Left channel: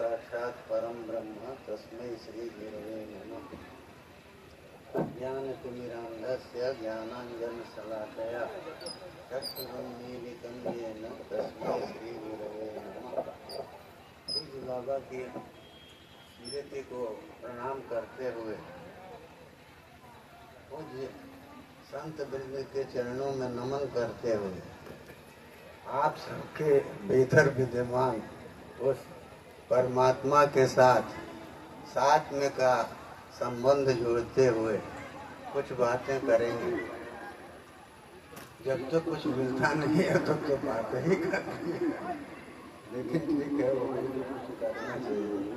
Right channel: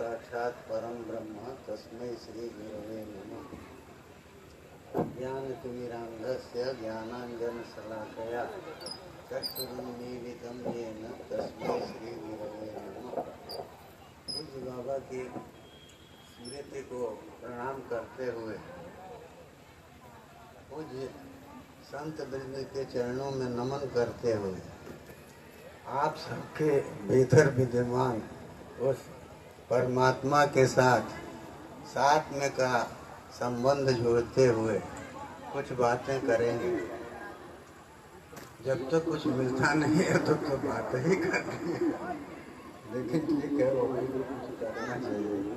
साक्षात् परम ब्रह्म तस्मै श्री गुरवे नमः। ज्ञानतिमिरान्धस्य ज्ञानाञ्जनशलाकया चक्षुरुन्मीलितं येन तस्मै श्री गुरवे नमः। पूज्य बाबा की स्मृति को प्रणाम करते हुए पूज्य संत वृंद के चरणों में नमन करते हुए आप सबके भीतर विद्यमान उस परमात्मा के साथ में का संबंध जोड़ते हुए कुछ बातें करेंगे। जब तो कुछ मिलता नहीं है तो बात ही करेंगे, लेकिन ठीक है, वो भी कुछ करना चाहिए।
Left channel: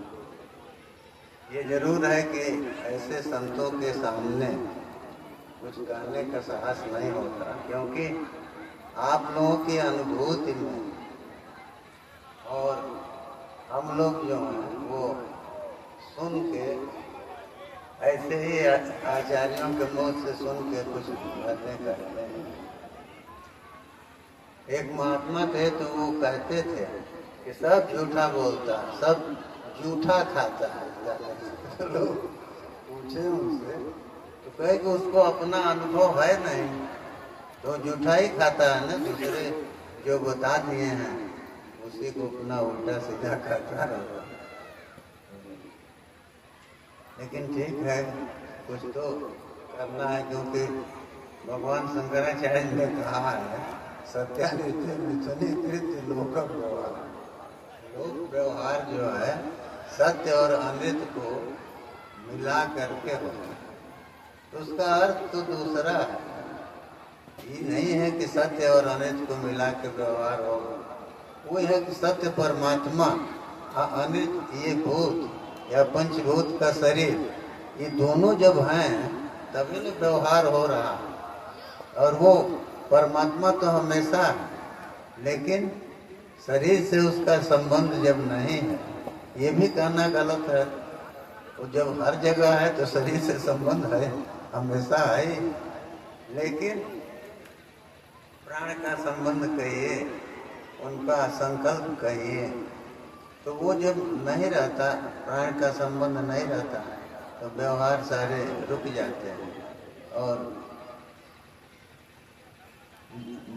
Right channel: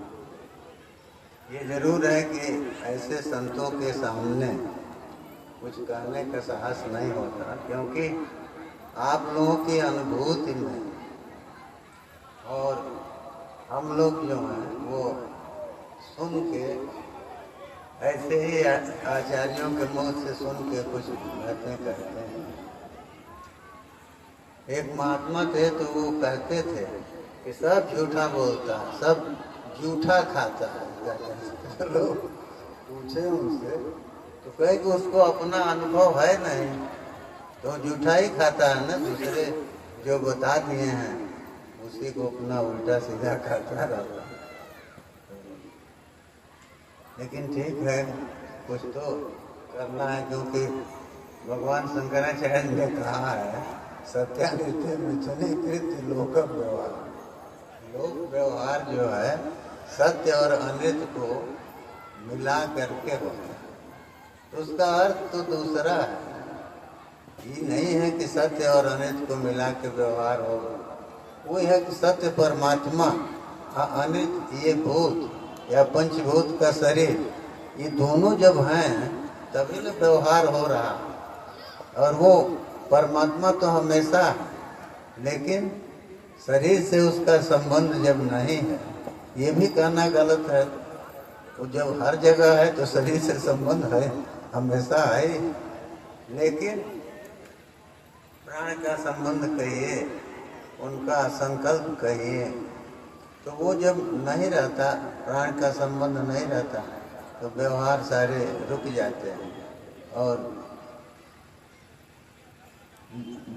ये जरूर है कि ऐसे संतों के सामने कुछ कहने का साहस नहीं होता, क्योंकि आप लोगों की अनुभूति में और हम लोग जो हैं वो सुन के ऐसे ही आचार्यों के मुंह से सुन के कुछ बातें करते हैं। एक महात्मा थे तो वो कहते थे कि सब झूठा बोलता है, सब झूठा खाता है। लोग पूछे उनसे तो कहे कि उसको अपना अनुभव है नहीं, तो झूठा ही खाता है ना, दूसरे जो बता दिए हैं उसी को अपना उल्टा सीधा खाता रहा। लेकिन ठीक है, कुछ तो करना है, क्योंकि भगवान शंकराचार्य ने कहा है सत्यानित्य मिथुनीकृत लोक व्यवहार। लोक व्यवहार जो है सत्य और अमृत को मिला करके होता है, तो उसका अर्थ तो दूसरा है। ये नहीं है कि सत्य और अमृत को मिला के व्यवहार होगा, वो है कि सत्य परमात्मा और अमृत ये भूत या पंचभूत का शरीर, ये दोनों जब हैं तभी तो व्यवहार हो रहा। और वो परमात्मा तो हमेशा है, लेकिन शरीर से उसका संबंध जब नहीं है, ये भी कहना गलत है। वो जब हर जगह है तो शरीर से संबंध है, हमेशा है, लेकिन प्राण का संबंध कहिए, उनका संकल्प कहिए, तो वो जब नहीं रहता, प्राण का संबंध नहीं रहता, तो व्यवहार सारे रुक जाते हैं। और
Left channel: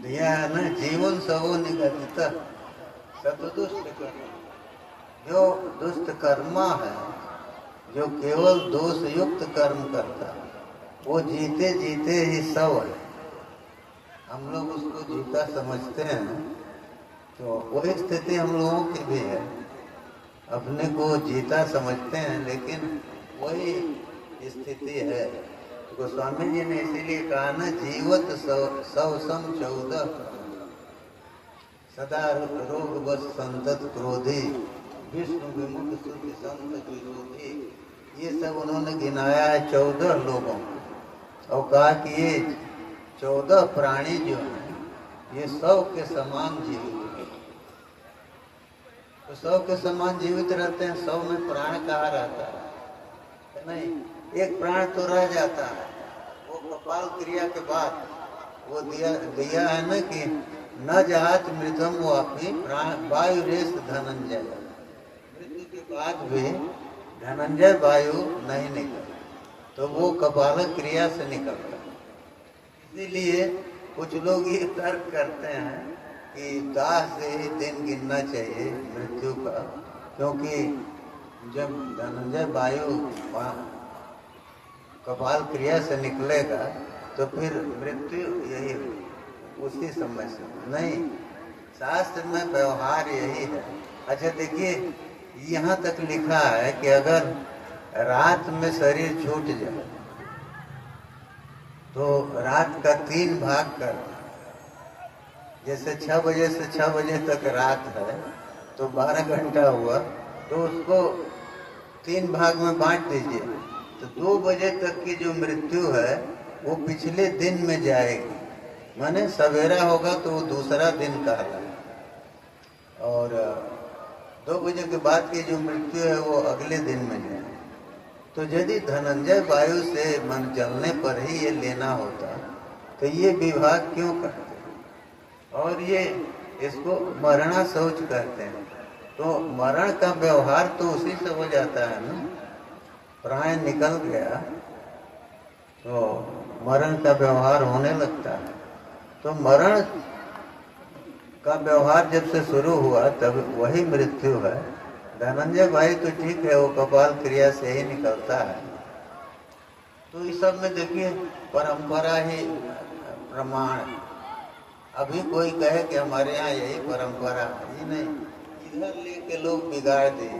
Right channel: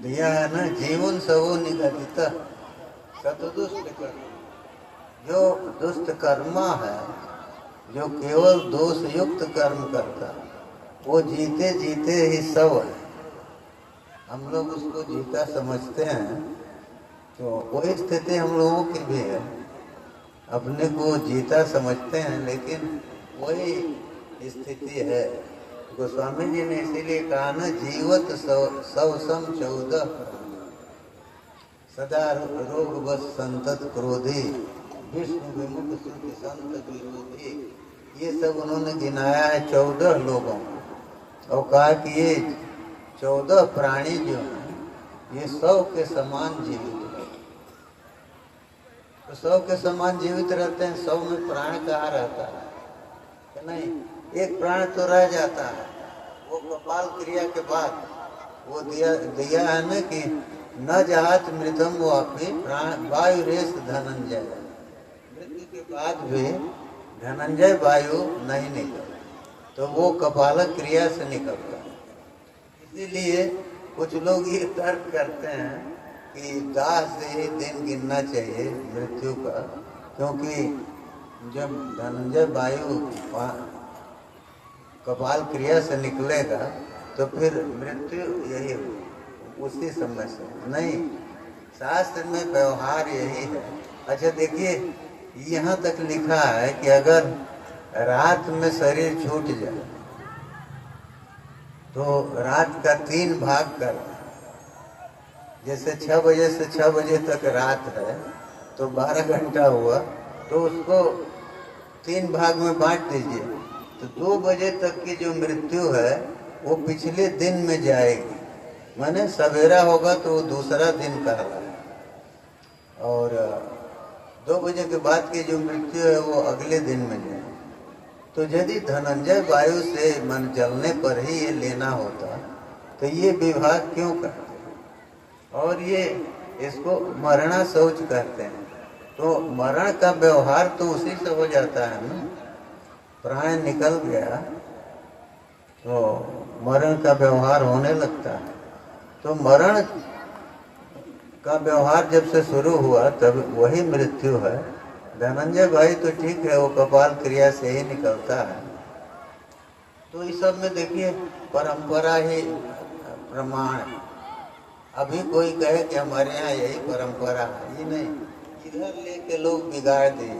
दिया है ना, जीवन सबो निगदित सतदुष्ट कर्म। जो दुष्ट कर्मा है, जो केवल दोष युक्त कर्म करता, वो जीते जीते ही सब है। हम लोग उसको जीता समझते हैं, तो वही स्थिति हम लोगों की भी है। अपने को जीता समझते हैं, लेकिन वही स्थिति है। गोस्वामी जी ने इसीलिए कहा ना, जीवत सौ सम 14 सदा रोग बस संतत क्रोधी विष्णु विमुख सुख संत विरोधी। ये सब उन्होंने गिनाया है 14 लोगों, और कहा कि ये 14 प्राणी जो हैं ये 100 के समान जीवित, तो 100 के समान जीवित रहते हैं। 100 में प्राण कहाँ रहता है? नहीं, एक प्राण तो रह जाता है, वो कपाल क्रिया के बाद वो दिया है ना कि न जहात मृतम वापी प्राण वायु रेस धनंजय। मृत्यु के बाद भी धनंजय वायु नहीं निकलता, तो वो कपाल क्रिया से निकलता है। इसीलिए कुछ लोग ये तर्क करते हैं कि दाह से ही दिन गिनना चाहिए मृत्यु का, क्योंकि जब धनंजय वायु कपाल क्रिया से निकलेगा तो फिर मृत्यु यही उसी समय से। नहीं, शास्त्र में व्यवहार यही है। अच्छा देखिए, यहाँ तक लिखा है कि अगर रात में शरीर छूट जाए तो रात का 3 भाग कर, जैसे 6 बजे से 6 बजे तक रात है तो 12 घंटा हुआ, तो उसको 3 भाग में बांट दीजिए, तो 2 बजे तक की जो मृत्यु है वो पिछले दिन में जाएगी। माने सवेरा होगा तो वो दूसरा दिन कहलाएगा, और 2 बजे के बाद की जो मृत्यु है वो अगले दिन में जाएगी। तो यदि धनंजय वायु से मन जलने पर ही ये लेना होता तो ये विभाग क्यों करते? और ये इसको मरणा शौच कहते हैं। तो मरण का व्यवहार तो उसी से हो जाता है ना, प्राण निकल गया तो मरण का व्यवहार होने लगता है। तो मरण का व्यवहार जब से शुरू हुआ तब वही मृत्यु है। धनंजय भाई तो ठीक है, वो कपाल क्रिया से ही निकलता है। तो इस सब में देखिए परंपरा ही प्रमाण। अभी कोई कहे कि हमारे यहाँ यही परंपरा है, ये नहीं, इधर लेके लोग बिगाड़ दिए।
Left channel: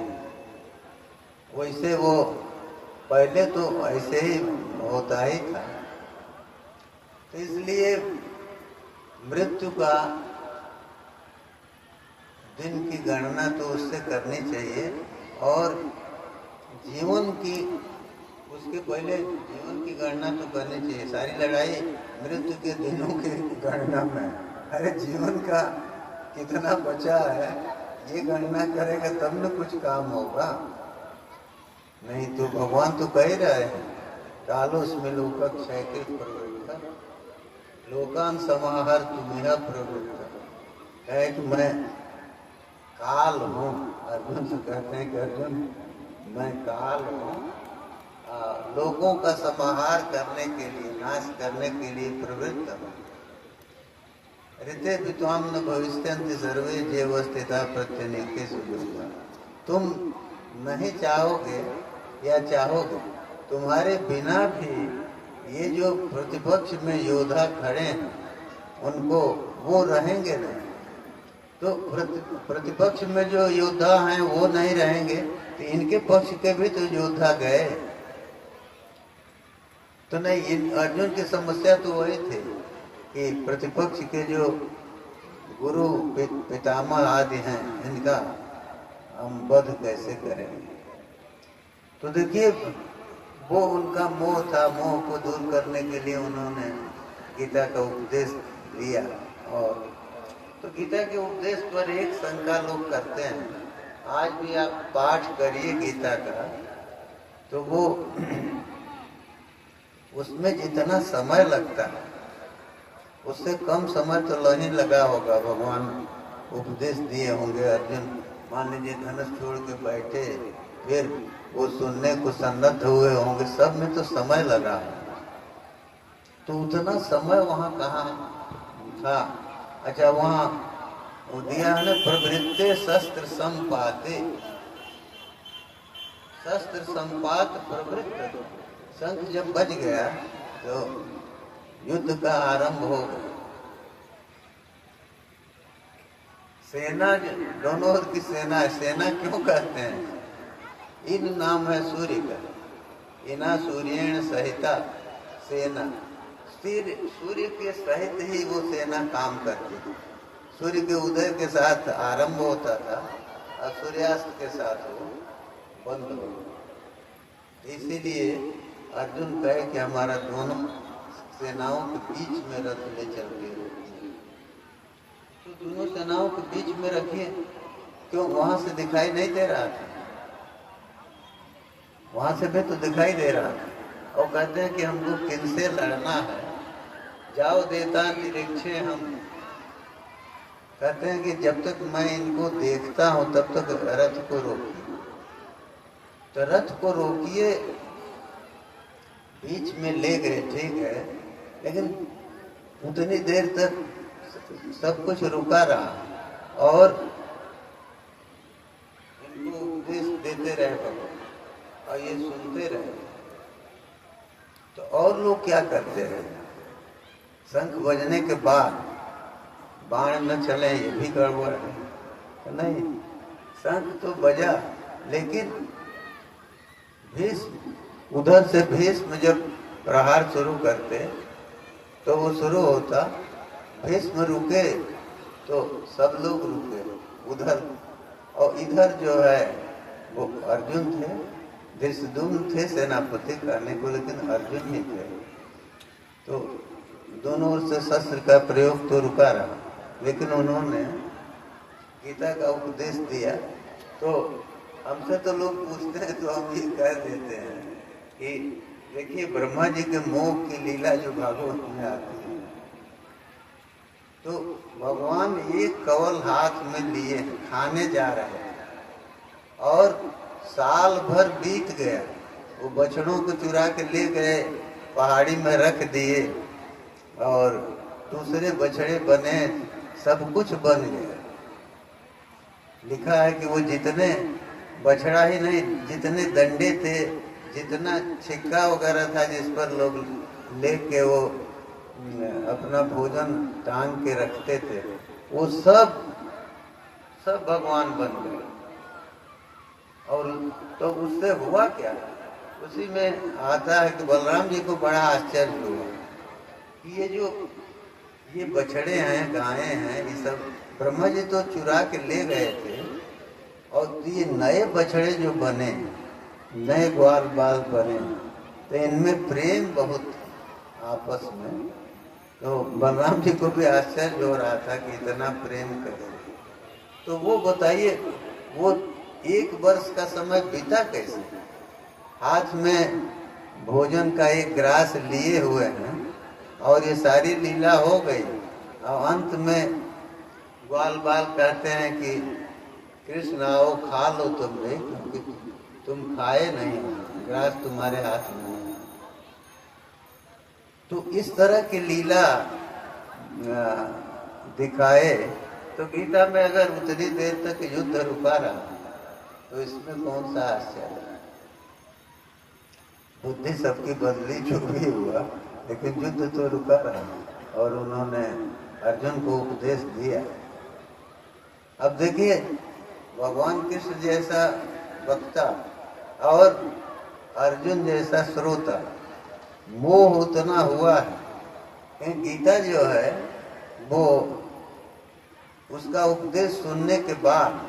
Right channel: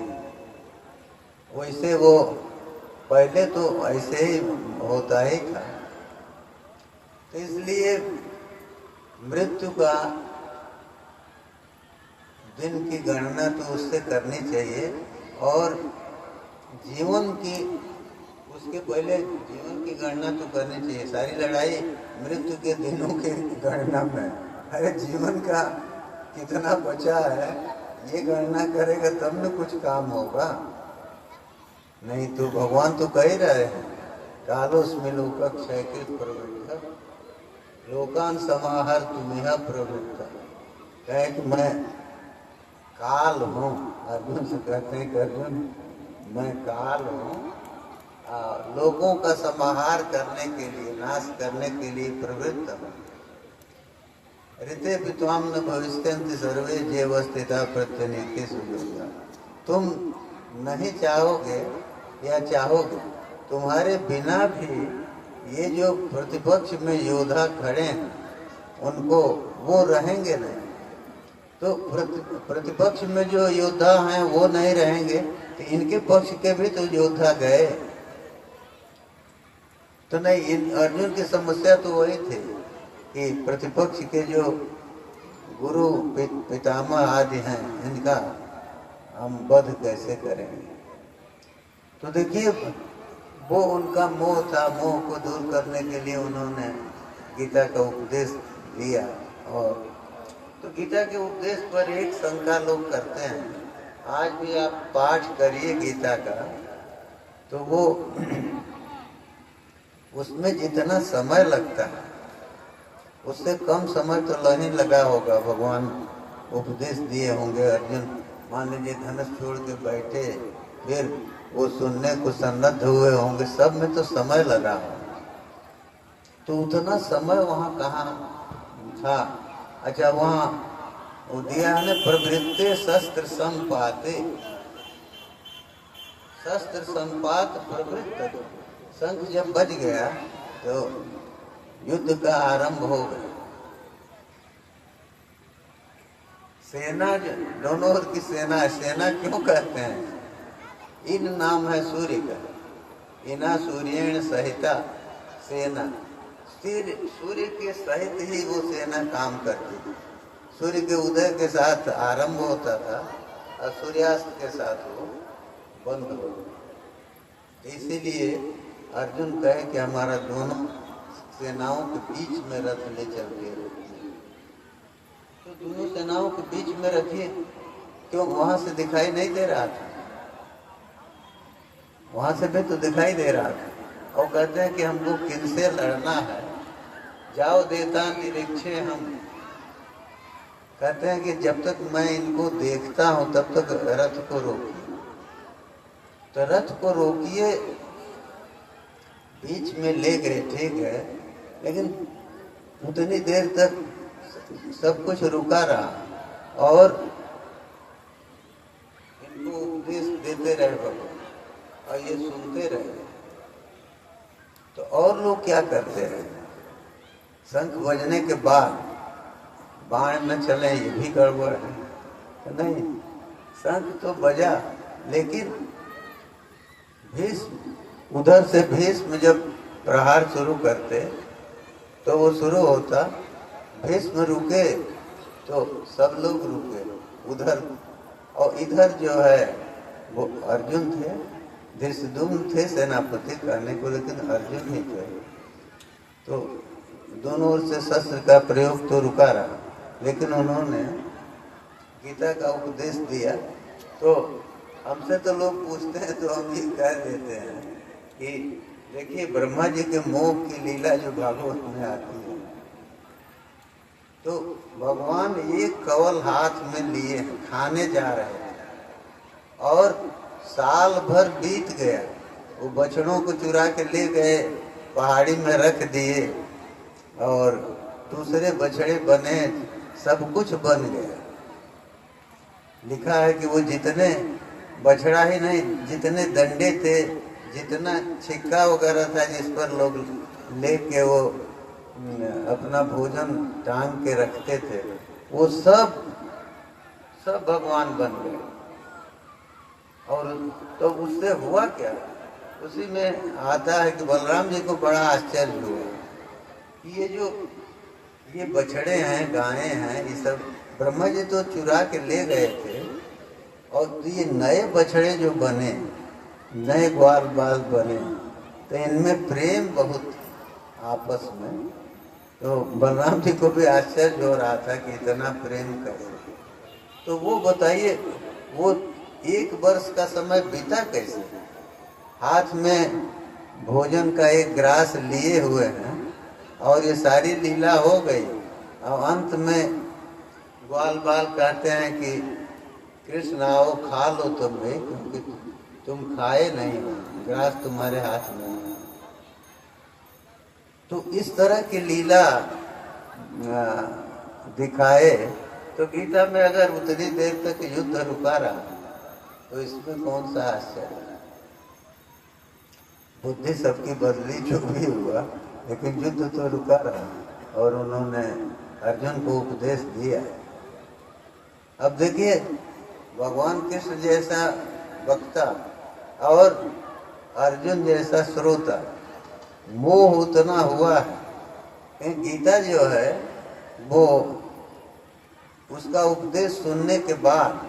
वैसे वो पहले तो ऐसे ही होता ही था। तो इसलिए मृत्यु का दिन की गणना तो उससे करनी चाहिए, और जीवन की उसके पहले जीवन की गणना तो करनी चाहिए। सारी लड़ाई मृत्यु के दिनों की गणना में। अरे जीवन का कितना बचा है ये गणना करेगा तब न कुछ काम होगा। नहीं तो भगवान तो कह रहे हैं, कालोस्मि लोकक्षयकृत प्रवृत्त लोकान समाहर तुम्हें प्रवृत्त। कहे कि मैं काल हूँ। अर्जुन से कहते हैं कि अर्जुन मैं काल हूँ, लोगों का समाहार करने के लिए, नाश करने के लिए प्रवृत्त हूँ। ऋते विद्वाम न भविष्यन्ति सर्वे जेव स्थिता प्रत्यनीके सुजुगा। तुम नहीं चाहोगे या चाहोगे, तुम्हारे बिना भी ये जो प्रतिपक्ष में योद्धा खड़े हैं उनको वो रहेंगे नहीं। तो प्रतिपक्ष में जो योद्धा हैं वो नहीं रहेंगे तो इनके पक्ष के भी तो योद्धा गए। तो नहीं, अर्जुन की समस्या तो वही थी कि प्रतिपक्ष के जो गुरु पितामह आदि हैं इनका हम वध कैसे करेंगे। तो देखिए वो उनका मोह था, मोह को दूर करने के लिए उन्होंने गीता का उपदेश दिया। और तो गीता के उपदेश पर एक शंका लोग करते हैं, आज भी आप पाठ करिए गीता का तो वो उसमें जितना समय लगता है उससे कम समय तो नहीं लगा होगा। भगवान उपदेश दिए होंगे, अर्जुन मान लीजिए धनुष छोड़ के बैठे, फिर वो सुनने को सन्नद्ध हुए होंगे, सब में तो समय लगा है। तो उतना समय वहाँ कहाँ था। अच्छा, वहाँ दिया है प्रवृत्ते शस्त्र संपाते, शस्त्र संपात प्रवृत्त। शंख जब बज गया तो युद्ध का आरंभ हो गया। सेना दोनों की सेना, सेना क्यों कहते हैं? इन नाम है सूर्य का, इना सूर्येण सहिता सेना। सूर्य के सहित ही वो सेना काम करती थी। सूर्य के उदय के साथ आरंभ होता था और सूर्यास्त के साथ वो बंद हो गया। इसीलिए अर्जुन कहे कि हमारा दोनों सेनाओं के बीच में रथ ले चल के रखिए। तो दोनों सेनाओं के बीच में रखिए, क्यों? वहां से दिखाई नहीं दे रहा था, वहां से भी तो दिखाई दे रहा था। और कहते हैं कि हमको किनसे लड़ना है, जाओ देवता निरीक्षे। हम कहते हैं कि जब तक मैं इनको देखता हूं तब तक रथ को रोकिए। तो रथ को रोकिए, बीच में ले गए, ठीक है, लेकिन उतनी देर तक सब कुछ रुका रहा और इनको उपदेश देते रहे भगवान और ये सुनते रहे। तो और लोग क्या करते हैं, शंख बजने के बाद बाण न चले, ये भी गड़बड़ है। तो नहीं, शंख तो बजा, लेकिन भीष्म उधर से भीष्म जब प्रहार शुरू करते तो वो शुरू होता, भीष्म रुके तो सब लोग रुके उधर, और इधर जो है वो अर्जुन थे, धृष्टद्युम्न थे सेनापति करने को, लेकिन अर्जुन ही थे। तो दोनों ओर से शस्त्र का प्रयोग तो रुका रहा, लेकिन उन्होंने गीता का उपदेश दिया। तो हमसे तो लोग पूछते हैं तो हम ये कह देते हैं कि देखिए ब्रह्मा जी के मोह की लीला जो भागवत में आती है, तो भगवान एक कवल हाथ में लिए खाने जा रहे हैं, और साल भर बीत गया, वो बछड़ों को चुरा के ले गए, पहाड़ी में रख दिए और दूसरे बछड़े बने, सब कुछ बन गया। लिखा है कि वो जितने बछड़ा ही नहीं, जितने डंडे थे, जितना छिक्का वगैरह था जिस पर लोग लेके वो अपना भोजन टांग के रखते थे, वो सब भगवान बन गए। और तो उससे हुआ क्या, उसी में आता है कि बलराम जी को बड़ा आश्चर्य हुआ कि ये बछड़े हैं, गायें हैं, ये सब ब्रह्मा जी तो चुरा के ले गए थे, और ये नए बछड़े जो बने, नए ग्वाल बाल बने, तो इनमें प्रेम बहुत आपस में। तो बलराम जी को भी आश्चर्य हो रहा था कि इतना प्रेम कैसे। तो वो बताइए, वो 1 वर्ष का समय बीता कैसे? हाथ में भोजन का एक ग्रास लिए हुए हैं और ये सारी लीला हो गई, और अंत में ग्वाल बाल कहते हैं कि कृष्ण आओ खा लो तुम भी, क्योंकि तुम खाए नहीं, ग्रास तुम्हारे हाथ में नहीं। तो इस तरह की लीला दिखाए तो गीता में अगर उतनी देर तक युद्ध रुका रहा तो इसमें कौन सा आश्चर्य। बुद्धि सबकी बदली, जो भी हुआ, लेकिन युद्ध तो रुका रहा और उन्होंने अर्जुन को उपदेश दिया। अब देखिए, भगवान कृष्ण जैसा वक्ता और अर्जुन जैसा श्रोता, मोह उतना हुआ है। गीता जो है वो उसका उपदेश सुनने के बाद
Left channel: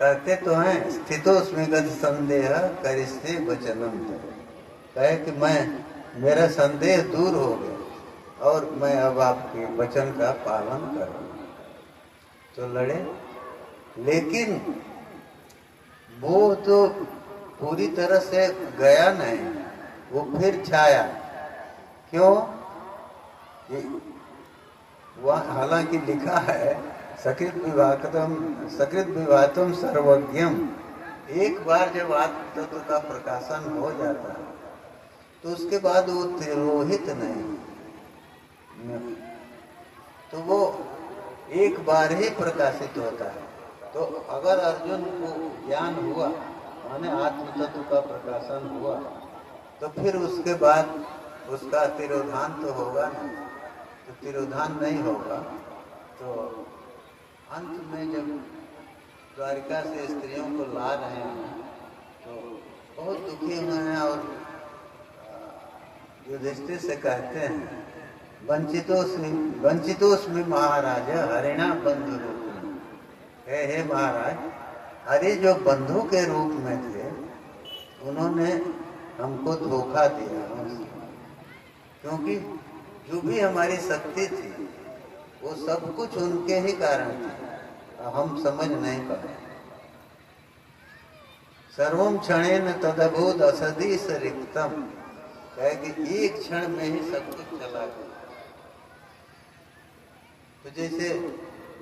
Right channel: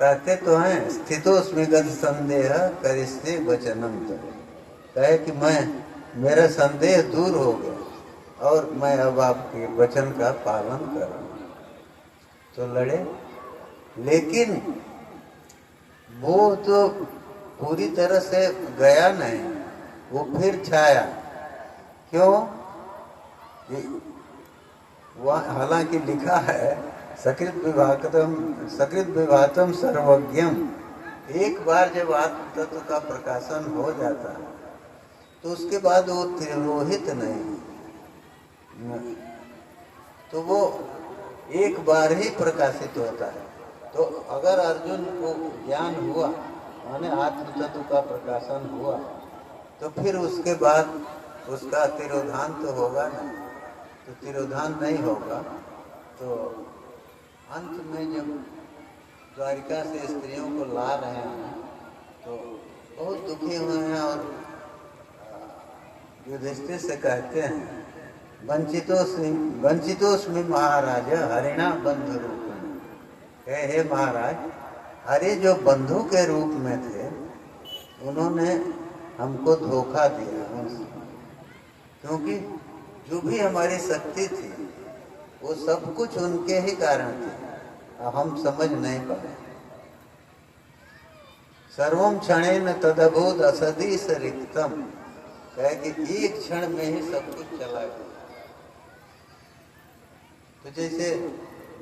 कहते तो हैं, स्थितोस्मिगत संदेह करिष्ये वचनम तव, कहे कि मेरा संदेह दूर हो गया और मैं अब आपके वचन का पालन करूंगा। तो लड़े, लेकिन वो तो पूरी तरह से गया नहीं, वो फिर छाया। क्यों? वह हालांकि लिखा है सकृत विभातम सर्वज्ञम, एक बार जब आत्म तत्व का प्रकाशन हो जाता है तो उसके बाद वो तिरोहित नहीं, तो वो एक बार ही प्रकाशित होता है। तो अगर अर्जुन को ज्ञान हुआ, माने आत्म तत्व का प्रकाशन हुआ, तो फिर उसके बाद उसका तिरोधान तो होगा नहीं। तो तिरोधान नहीं होगा तो अंत में जब द्वारिका से स्त्रियों को ला रहे हैं तो बहुत दुखी हुए हैं और युधिष्ठिर से कहते हैं, वंचितोस्मि महाराज हरिणा बंधु रूप में, हे महाराज, हरि जो बंधु के रूप में थे उन्होंने हमको धोखा दिया, क्योंकि जो भी हमारी शक्ति थी वो सब कुछ उनके ही कारण थी और हम समझ नहीं पाए। सर्वम क्षणेन तदभूत असदीश रिक्तम, कहे कि एक क्षण में ही सब कुछ चला गया। तो जैसे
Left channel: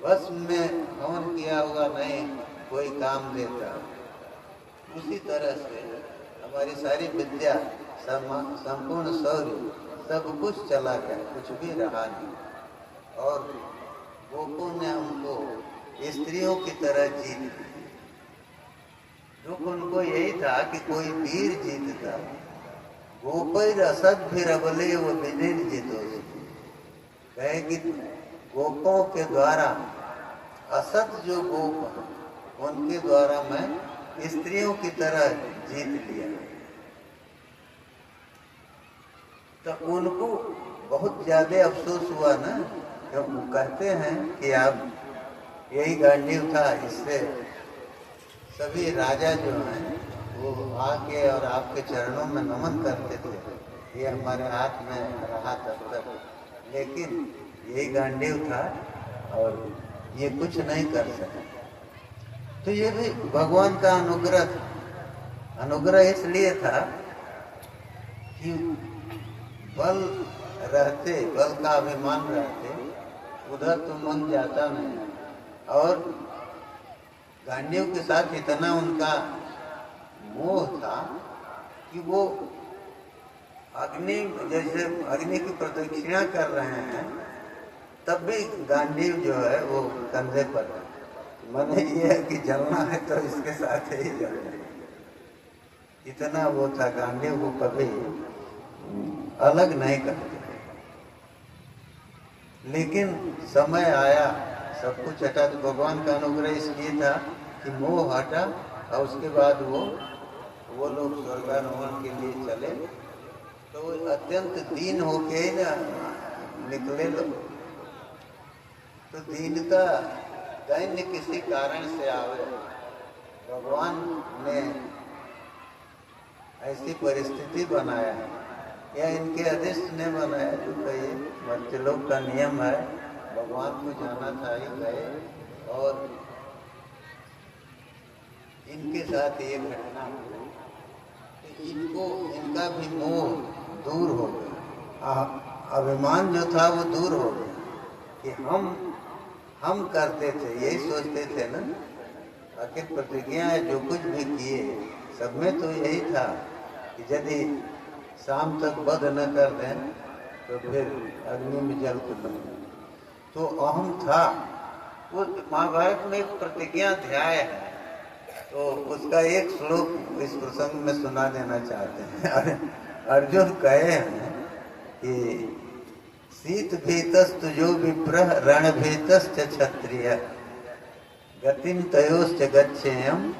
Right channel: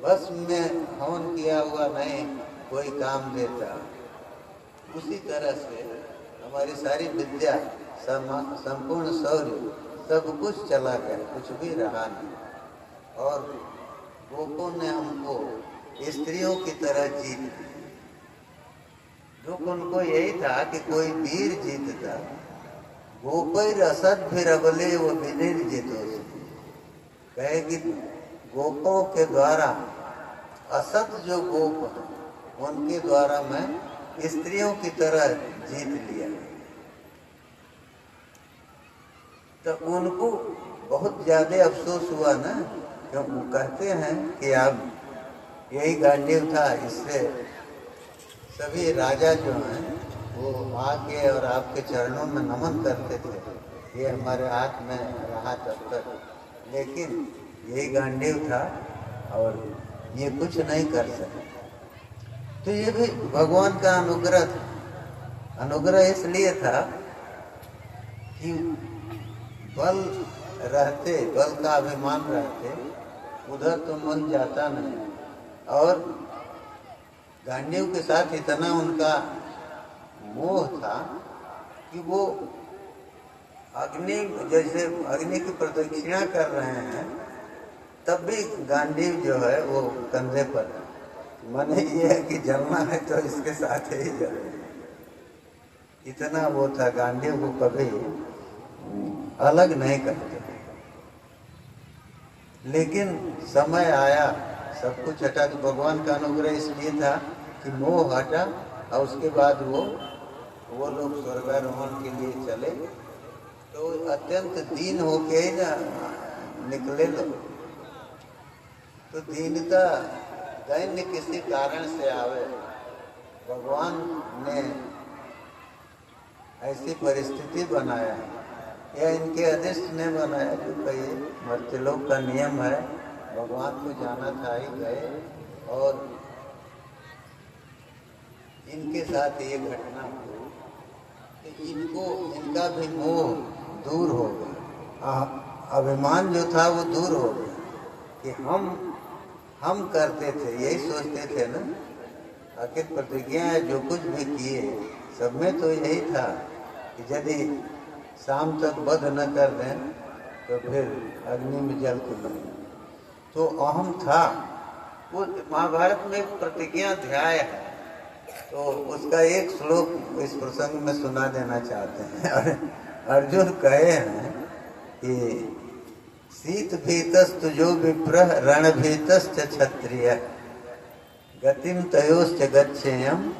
बस में हवन किया हुआ नहीं कोई काम देता, उसी तरह से हमारी सारी विद्या, संपूर्ण शौर्य, सब कुछ चला गया, कुछ भी रहा नहीं। और गोपों ने हमको स्त्रियों की तरह जीत ली। दुख उनको यही था कि कोई वीर जीतता, गोपैर असद फिर अबले वो विनिर जीतो, कहे कि गोपों के द्वारा, असत जो गोप उनके द्वारा मैं स्त्रियों की तरह जीत लिया। तो उनको बहुत ज्यादा अफसोस हुआ ना, तो कहते हैं कि आप यही गांडीव था, इससे सभी राजा जो हैं वो आके और आपके चरणों में नमन करते थे, ये हमारे हाथ में रहा तब तक, लेकिन यही गांडीव था और ये कुछ नहीं कर सके। तो ये भी भगवान का अनुग्रह था। अनुग्रह इसलिए था कि बल रहते, बल का अभिमान रहते, उधर तो मन जाता नहीं। और गांडीव के साथ इतना उनका मोह था कि वो अग्नि, जैसे अग्नि की प्रदक्षिणा कर रहे हैं तब भी गांडीव जो है वो कंधे पर, मन ये है कि जलना है तो इसके साथ ही जले। इतना वो था, गांडीव को कभी अलग नहीं करते। लेकिन समय आया, सब कुछ हटा, तो भगवान का अनुग्रह इसलिए था कि मोह हटा और उसके बाद वो लोग स्वर्गारोहण के लिए चले। तो अत्यंत दीन होके ही ना निकले लोग। तो दीनता दैन्य किसी कारण से आवे, भगवान ने ऐसी परिस्थिति बनाया है, या इनके अदृष्ट ने बनाया, जो कई मर्त्यलोक का नियम है, भगवान को जाना था ही गए और इनके साथ ये घटना हुई। इनको, इनका भी मोह दूर हो गया, अभिमान जो था वो दूर हो गया कि हम करते थे, यही सोचते थे ना, आखिर प्रतिज्ञा जो कुछ भी किए सब में तो यही था कि यदि शाम तक वध न कर दें तो फिर अग्नि में जल के बने। तो अहम था। वो महाभारत में एक प्रतिज्ञा अध्याय है, तो उसका एक श्लोक इस प्रसंग में सुना देना चाहते हैं। अर्जुन कहे हैं कि शीत भीतस्त जो विप्रह रण भीतस्त क्षत्रिय गतिम तयोश्च गच्छेयम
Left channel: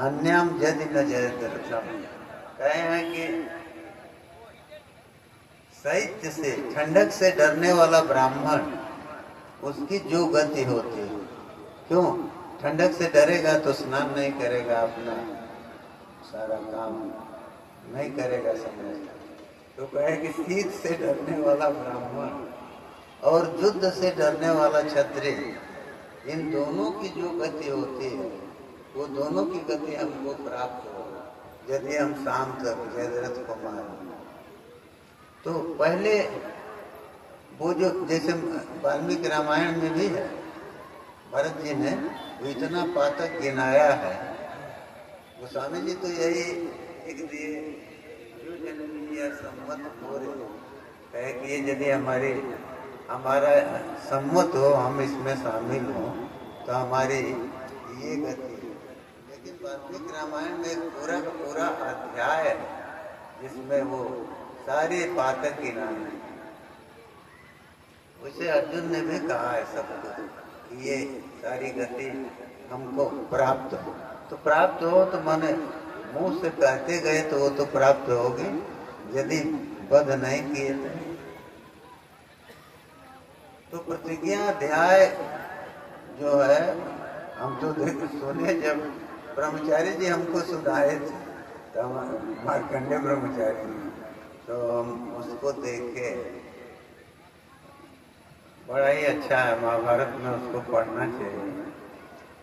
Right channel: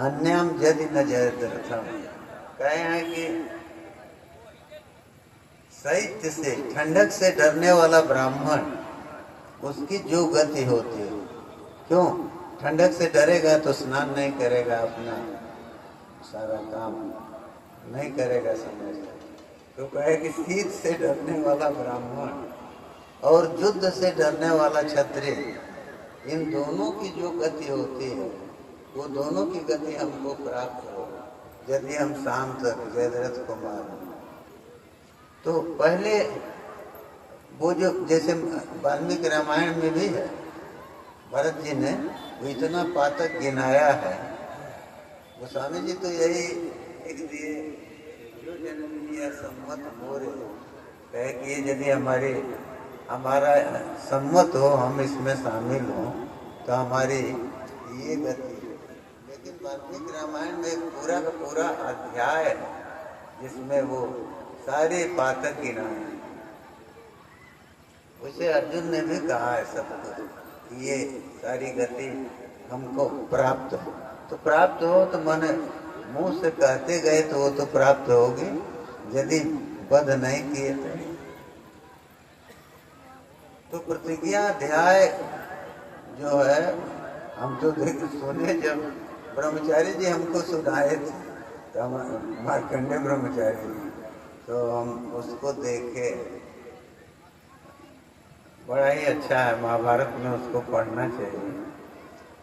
अन्याम यदि न जयद्रथम। कहे हैं कि शैत्य से, ठंडक से डरने वाला ब्राह्मण, उसकी जो गति होती है, क्यों ठंडक से डरेगा तो स्नान नहीं करेगा, अपना सारा काम नहीं करेगा समझ। तो कहे कि शीत से डरने वाला ब्राह्मण और युद्ध से डरने वाला क्षत्रिय, इन दोनों की जो गति होती है वो दोनों की गति हमको प्राप्त हो यदि हम शांत जयद्रथ को मारें। तो पहले वो जो, जैसे वाल्मीकि रामायण में भी है, भरत जी ने वो इतना पातक गिनाया है। गोस्वामी जी तो यही एक दिए, जो जन्म लिया सम्मत हो रहे, कहे कि ये यदि हमारा सम्मत हो, हम इसमें शामिल हों तो हमारी ये गति। लेकिन वाल्मीकि रामायण में एक पूरा का पूरा अध्याय है जिसमें वो सारे पातक गिनाए। उसे अर्जुन ने भी कहा है सबको कि ये सारी गति हमको प्राप्त हो। तो प्राप्त हो तो माने मुंह से कहते गए तो वो तो प्राप्त होगी, यदि वध नहीं किए तो प्रतिज्ञा अध्याय जो है, हम तो सुने, जब ब्रह्मचारी जी हमको सुनाए थे, तो मार्कंडेय ब्रह्मचारी, तो हम उसको देखे, बड़ा ही अच्छा है। महाभारत में उसको पढ़ना चाहिए,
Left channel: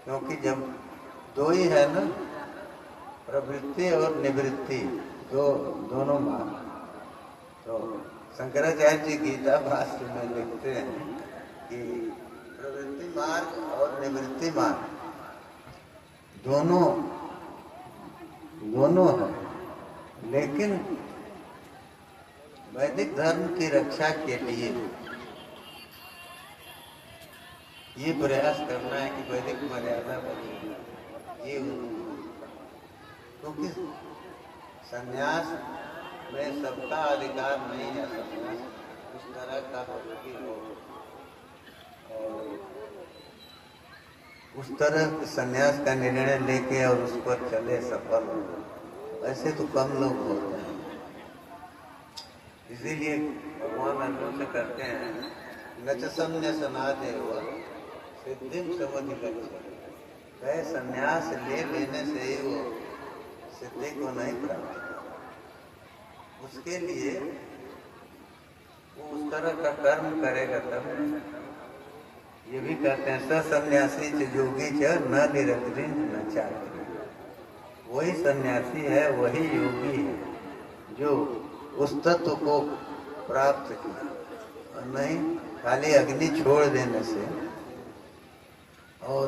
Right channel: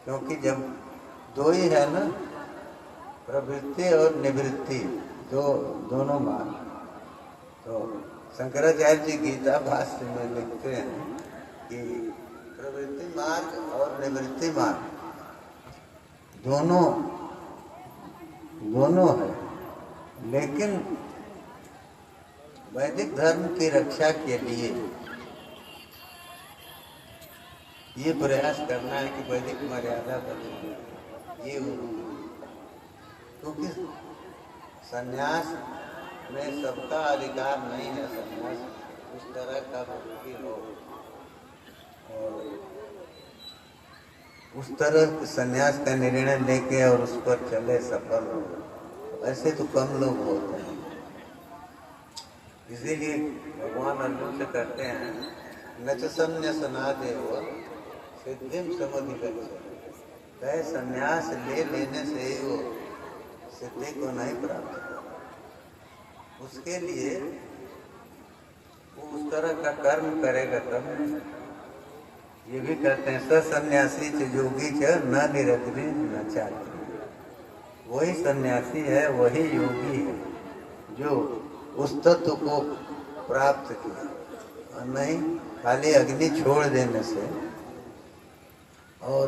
क्योंकि जब दो ही है ना, प्रवृत्ति और निवृत्ति, दोनों मार्ग। तो शंकराचार्य जी गीता भाष्य में लिखते हैं कि प्रवृत्ति मार्ग और निवृत्ति मार्ग दोनों है, लेकिन वैदिक धर्म की रक्षा के लिए ये प्रयास करना है कि वैदिक मर्यादा बने। ये क्योंकि संन्यास में सबका अधिकार नहीं है, संन्यास उस तरह का हो और उस तरह संन्यास का निर्णय लेके और उस पर चले, सफल हो, ऐसे तो कम लोग होते हैं। इसीलिए भगवान अर्जुन से कहते हैं न च संन्यासनादेव सिद्धिम समुधिगच्छति। कहे संन्यास ले लेने से ही वो सिद्धि को नहीं प्राप्त, उसके लिए वो उस तरह का कर्म करेगा तब। ये भी कहते हैं सन्यासी च योगी च न निरग्नि न चाकरी। वही सन्यासी है, वही योगी है जो उस तत्व को प्राप्त किया, और नहीं खाली अग्नि छोड़ देने से। और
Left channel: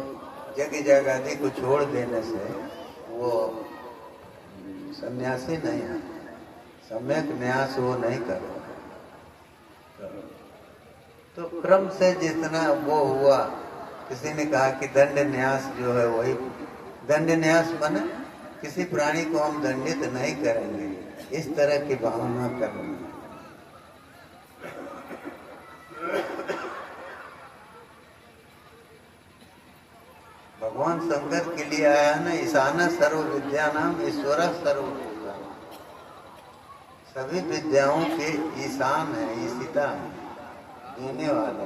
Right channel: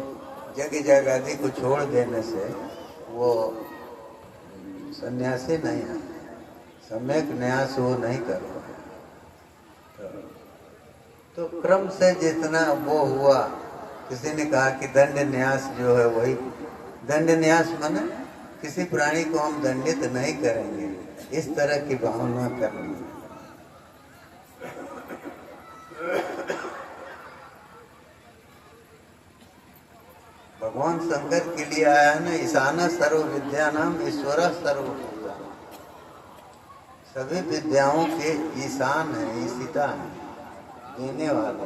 जगह जगादी को छोड़ देने से वो सन्यासी नहीं है, सम्यक न्यास वो नहीं कर रहा। तो क्रम से जितना वो हुआ, किसी ने कहा कि दंड न्यास जो है वही दंड न्यास माने किसी प्राणी को हम दंडित नहीं करेंगे, इस तरह की भावना करनी। भगवान शंकर के लिए आया ना, ईशान सर्व विद्या नाम ईश्वर सर्व विद्या, सभी विद्याओं के ईशान है, ईशिता है, देने वाला।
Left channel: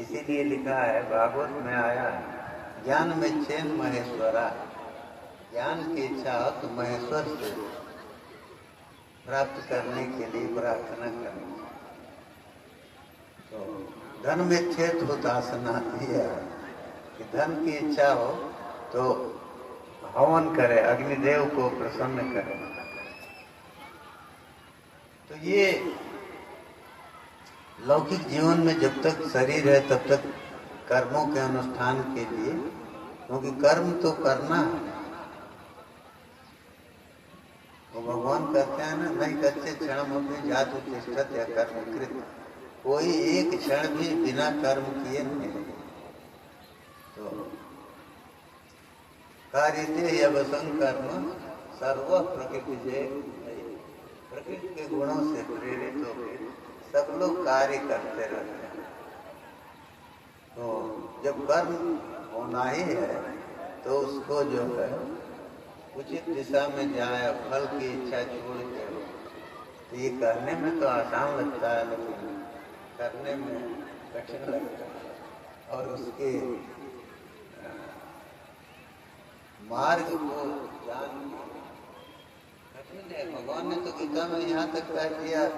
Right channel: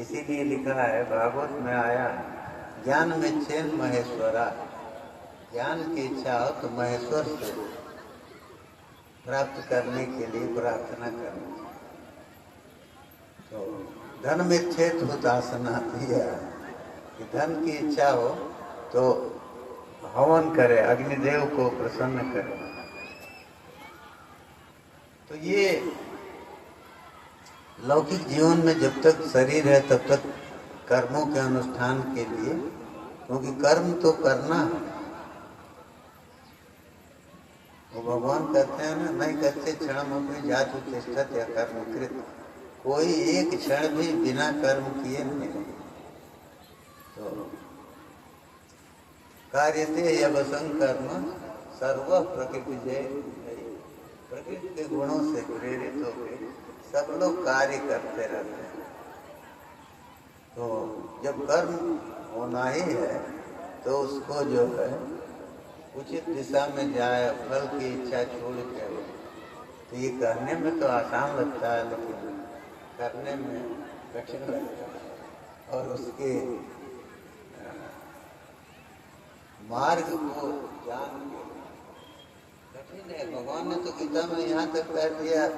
इसीलिए लिखा है भागवत में आया, ज्ञान में चैन महेश्वरा, ज्ञान की इच्छा हो तो महेश्वर से प्राप्त करने के लिए प्रार्थना करनी। तो धन में छेद हो दासना दिया कि धन की इच्छा हो तो हवन करे, अग्निदेव को प्रसन्न करे। तो ये लौकिक जीवन में जब तक शरीर है तब तक कर्मों के अनुष्ठान के लिए, क्योंकि कर्म तो करना, वो भगवान कहते हैं ना, नहीं करते क्षण में जातु चेष्टा या कर्म कृत, कोई एक क्षण भी बिना कर्म किए नहीं रहे। तो कार्यते यवसं कर्म सर्व प्रकृति जय, प्रकृति के गुणों से प्रेरित होकर सब लोग कार्य करते रहते हैं। तो जब कर्म होना ही है तो उसको जो है उचित दिशा में जाए, फल की इच्छा छोड़ के। तो ये करने में तो आसान लगता है लेकिन करने में कठिन लगता है, और उसके मार्ग को जान के कठिन है। भगवान ने तो गीता में यहाँ तक कह दिया,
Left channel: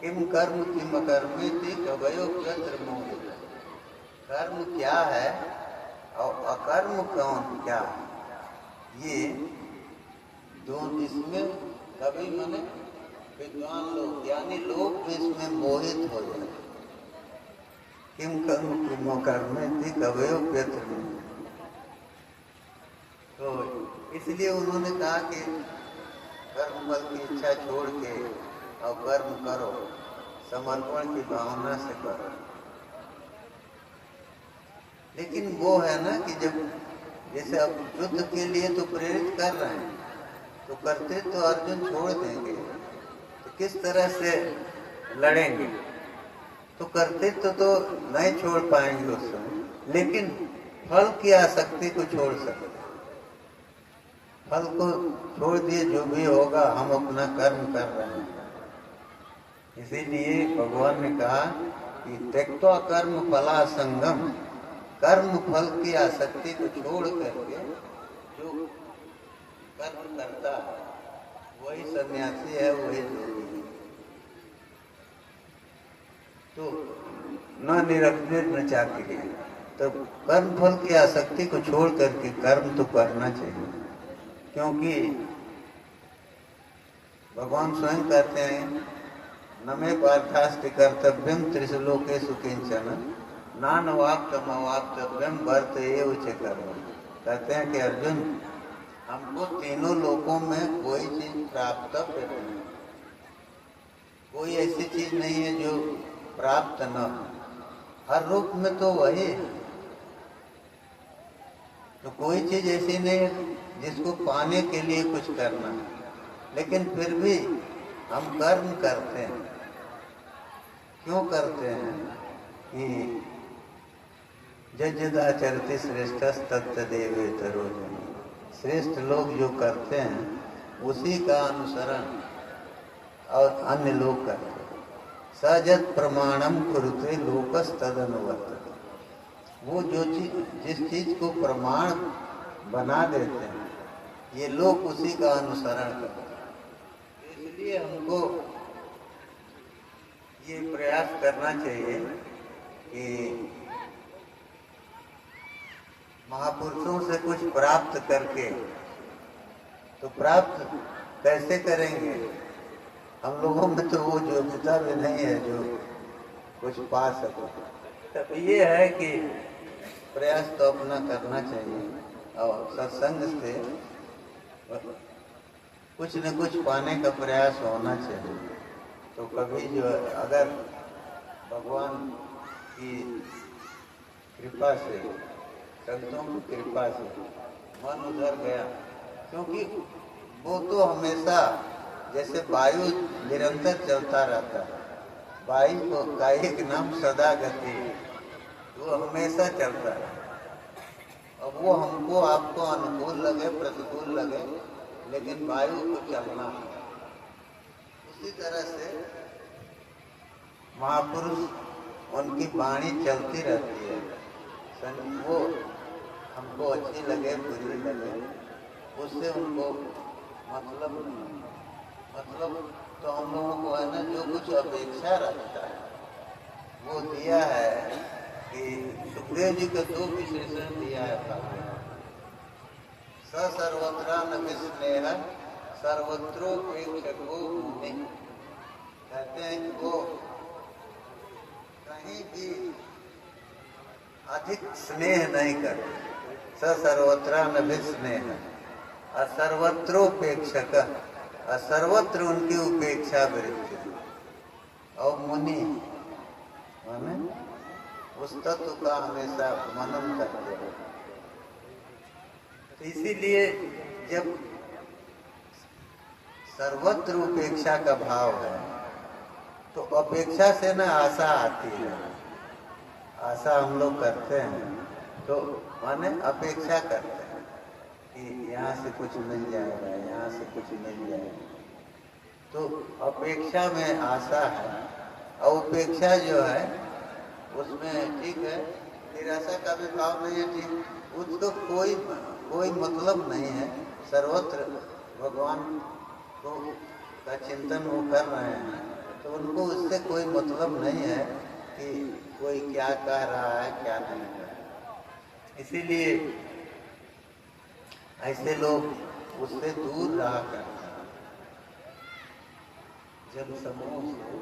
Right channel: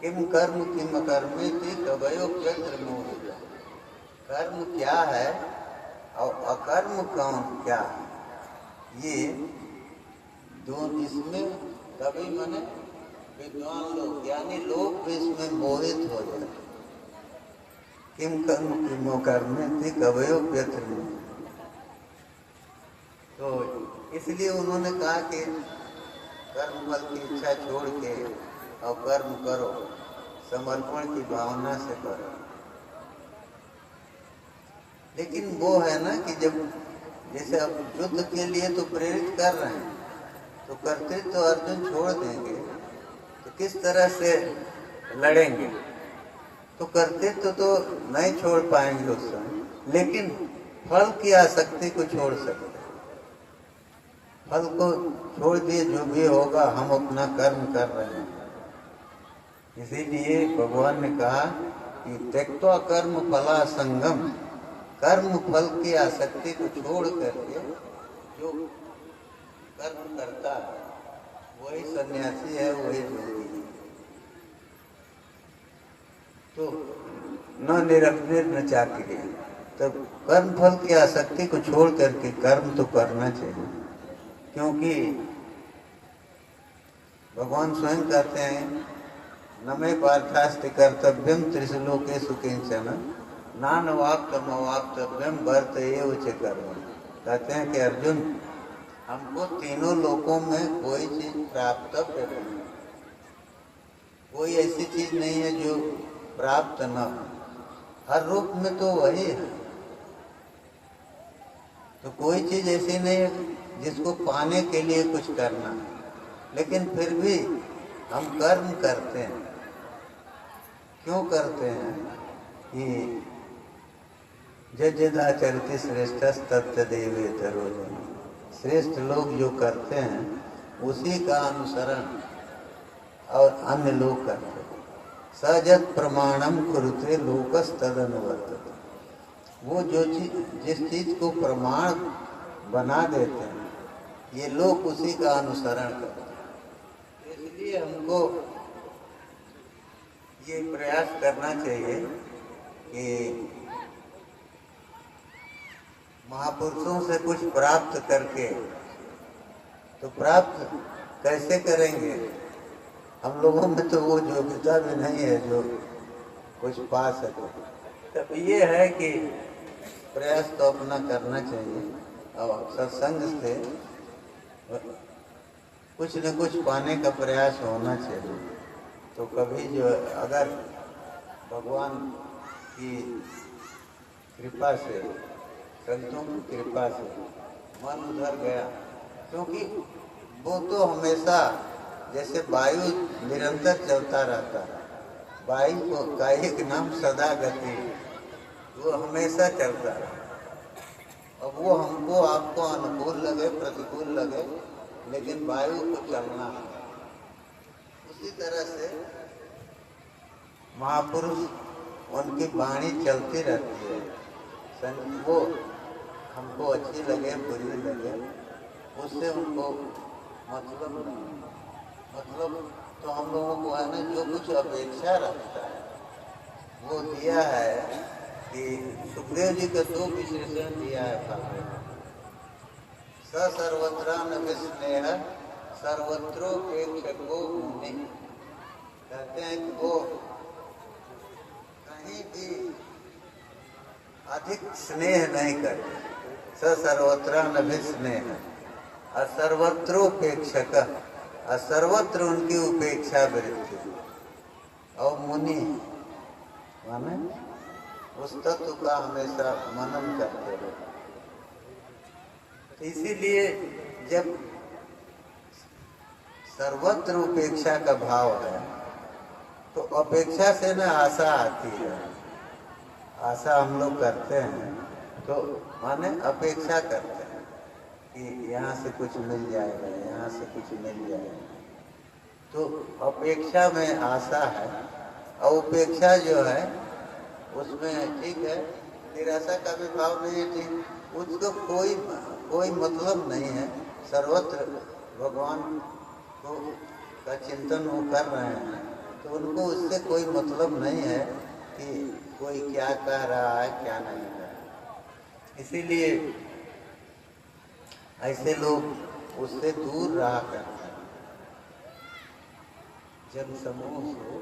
किम कर्म किम कर्मे थी कवयो चंद्र मोह, कर्म क्या है और अकर्म कौन क्या है, ये दोनों इसमें कभी मने विद्वान लोग ज्ञानी लोग भी इसमें मोहित हो जाते। किम कर्म किम कर्मे थी कवयो चंद्र, तो इसलिए उन्होंने कहा कि कर्म फल की इच्छा छोड़ के और कर्म करो, समर्पण की भावना से करो। लेकिन वो है ना कि जब जैसे अब युद्ध के लिए तो प्रेरित कर रहे हैं, तो करते तो अर्जुन छोड़ देंगे तो किस तरह से लड़ेंगे, तो करते तो नहीं छोड़ पाएंगे उस समय, लेकिन फल की आसक्ति को छोड़ सकते। फल को छोड़ दिए, जो भी होगा हम अपना कर्म कर रहे हैं। इसीलिए भगवान ने कहा कि त्यक्त्वा कर्म फला संगम, कर्म फल की आसक्ति को छोड़ करके जो कर्म करता है वही सन्यासी है, वही योगी है। तो न निरग्निर न चाक्रिय, तो कर्म फल की आसक्ति को छोड़ करके कर्म तो करना चाहिए, क्योंकि भगवान स्वयं कहते हैं न मे पार्थास्ति कर्तव्यम त्रिशलोकेषु किंचन नानवाप्तमवाप्तव्यम वर्त एव च कर्म। कहते हैं कि अर्जुन, हमको तीनों लोकों में कोई चीज प्राप्त नहीं, कोई ऐसी चीज नहीं है जो प्राप्त न हो, हर रूप में तो वही है। तो कोई चीज ऐसी नहीं है जिसको पाने के लिए कुछ करना, लेकिन फिर भी हम कर्म करते हैं। क्यों करते हैं कि जदाचरते श्रेष्ठ तत्तदेवेतरो, श्रेष्ठ लोग जो करते हैं उसी का अनुसरण और अन्य लोग करते हैं। सजत प्रमाणम कुरुते लोकस तदनुवर्तते, वो जो चीज जिस चीज को प्रमाण बना देते हैं ये लोग उसी का अनुसरण करते हैं। इसलिए हमको ये प्रयास करना चाहिए कि महापुरुषों से कुछ प्राप्त करके, तो प्राप्त कैसे करेंगे? हम लोगों में तो वो योग्यता भी नहीं है जो कुछ पा सके। तब ये है कि प्रयास तो अपना करना चाहिए और सत्संग से कुछ न कुछ पाने का प्रयास होना चाहिए। तो कभी जो अगर भगवान की कृपा से, संतों की कृपा से मन उधर गया, क्योंकि वो तो हमेशा जैसे वायु निरंतर चलता रहता है, वायु का एक नाम सदा गति, वो हमेशा चलता है। अब वो हमको आपको अनुकूल लगे प्रतिकूल लगे, लेकिन वायु को चलना है। उसी तरह से महापुरुष उनकी वाणी चलती रहती है, वो हमको अच्छी लगे बुरी लगे, उससे उनको मतलब तो हम लोगों को है ना जो कुछ अपेक्षा रखता है वो दिया है कि सुखदेव जी के 2 विशेषण दिया है। सर्वत्र न विस्नेह सर्वत्रोपेक्षको मुनि, कहते हैं कि वो कहीं भी अधिक स्नेह नहीं करते। सर्वत्र न विस्नेह और सर्वत्रोपेक्षक, और सर्वत्र उनकी उपेक्षा वृत्ति। और मुनि माने उस तत्व का हमेशा मनन करते हैं। इसीलिए जब सर्वत्र उपेक्षा का भाव है तो अपेक्षा से ना आशा आती है। आशा हम लोग करते हैं तो माने अपेक्षा करते हैं कि यहाँ से कुछ मिल जाएगा, यहाँ से कुछ मिल जाएगा, तो अपेक्षा में आशा है। और उपेक्षा जो है उसमें ठीक है, निराशा का भी भाव नहीं है, ठीक, उसको कोई मतलब नहीं है। सर्वत्र भगवान को का चिंतन वो कर रहे हैं तो उनको उससे कोई मतलब नहीं है कि कोई क्या कह रहा है क्या नहीं कह रहा। इसीलिए ऐसे लोग उससे दूर रहा करते हैं, जन समूह से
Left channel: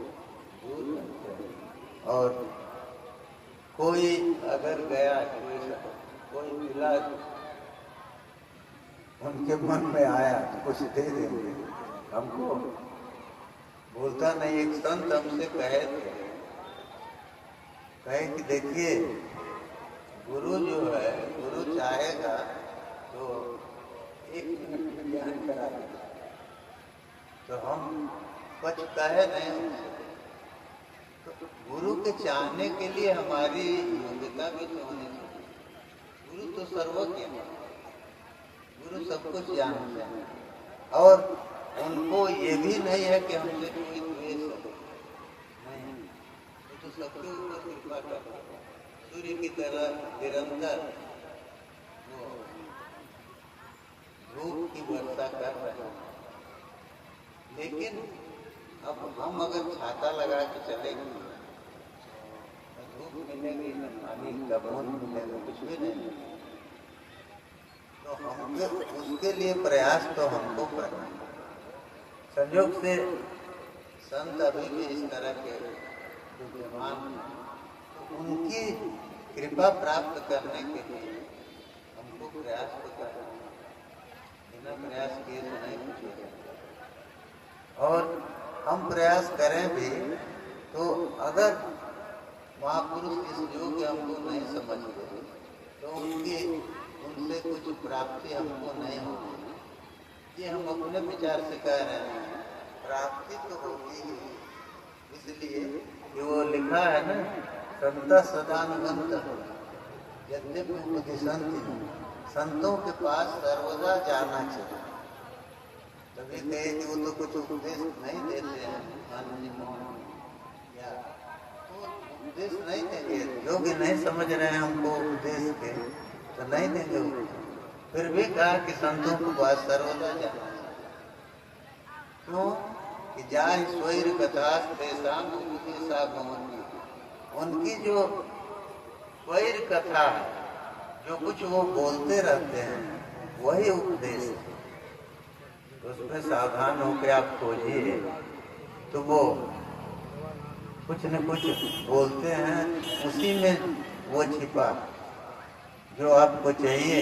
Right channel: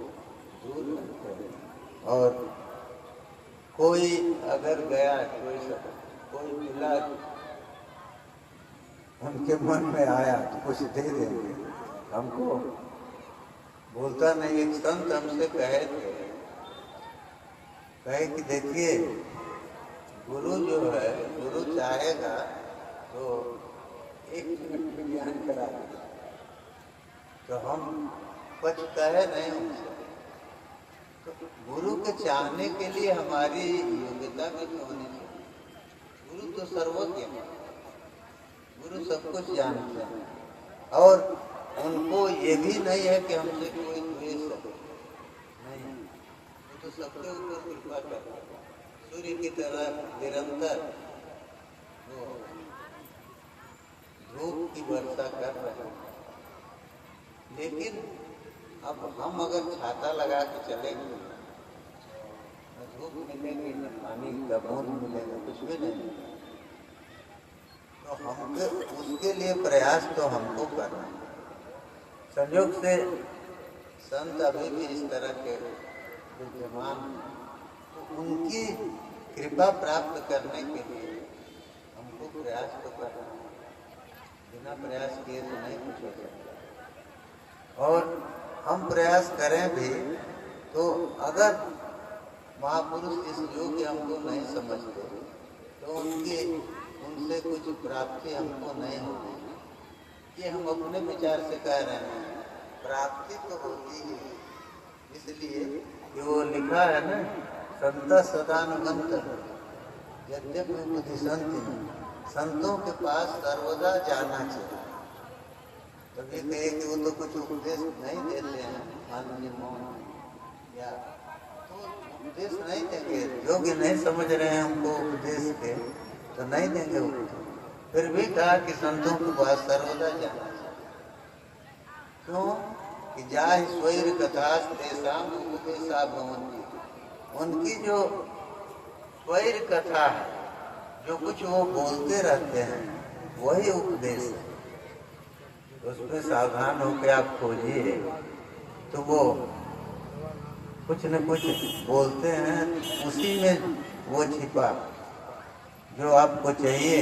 दूर करते हैं। और कोई अगर गया, कोई मिला, उनके मन में आया तो कुछ दे देंगे हमको। बोलता नहीं, एक संत हमसे कहे कि देखिए गुरु जो है, गुरु चाहेगा तो 1 मिनट में ज्ञान करा देगा। तो हम कुछ कहे नहीं, तो गुरु के चाहने के लिए हमारी योग्यता भी तो होनी चाहिए। गुरु तो सर्वज्ञ है, गुरु सब कुछ जानते हैं, और उनको ये भी नहीं है कि हमसे कोई द्वेष हो, नहीं, वो तो सबके ऊपर कृपा करते हैं। सूर्य की तरह निरंतर वो धूप की वर्षा कर रहे हैं। लेकिन अब हम अगर छाता लगा के चलेंगे, धूप मिलेगी, पानी का बूंद मिलेगा, कुछ भी नहीं। तो हमको उसके लिए प्रयास तो हमको करना है। संयोग से संत अभी भी इस तरह के विद्यमान, उनकी कृपा प्राप्त करने के लिए हमको प्रयास तो करना है। बिना प्रयास किए तो नहीं कुछ हो सकता। और हम प्रयास करें भी तो अगर महापुरुष इस योग्य हमको नहीं समझते तो उनसे कुछ प्राप्ति हमको नहीं होती। ये हम अपने विचार से कह रहे हैं, प्राप्ति तो होती ही है। इसलिए वो लिखा है ना, संत सदानुगंत यद्यपि बुद्धि संति, संतों के पास सर्वदा जाना चाहिए। तभी कहे कि वो तो कुछ उपदेश नहीं देते हैं, या तो उपदेश नहीं देंगे, योग्य नहीं समझ रहे हैं हमको उपदेश के तो नहीं देंगे। फिर भी कहा कि संतों के पास सर्वदा जाना चाहिए। क्यों कि जाहि स्वैर कथा तेषाम उपदेशा भवन्ति, उनकी जो स्वैर कथा है, जो कुछ वो बोलते रहते हैं वही उपदेश है। उसमें सावधान होकर आप खोजिए तो वो कुछ न कुछ बोलते हैं, उसी में वो छिपा। जो आपको चाहिए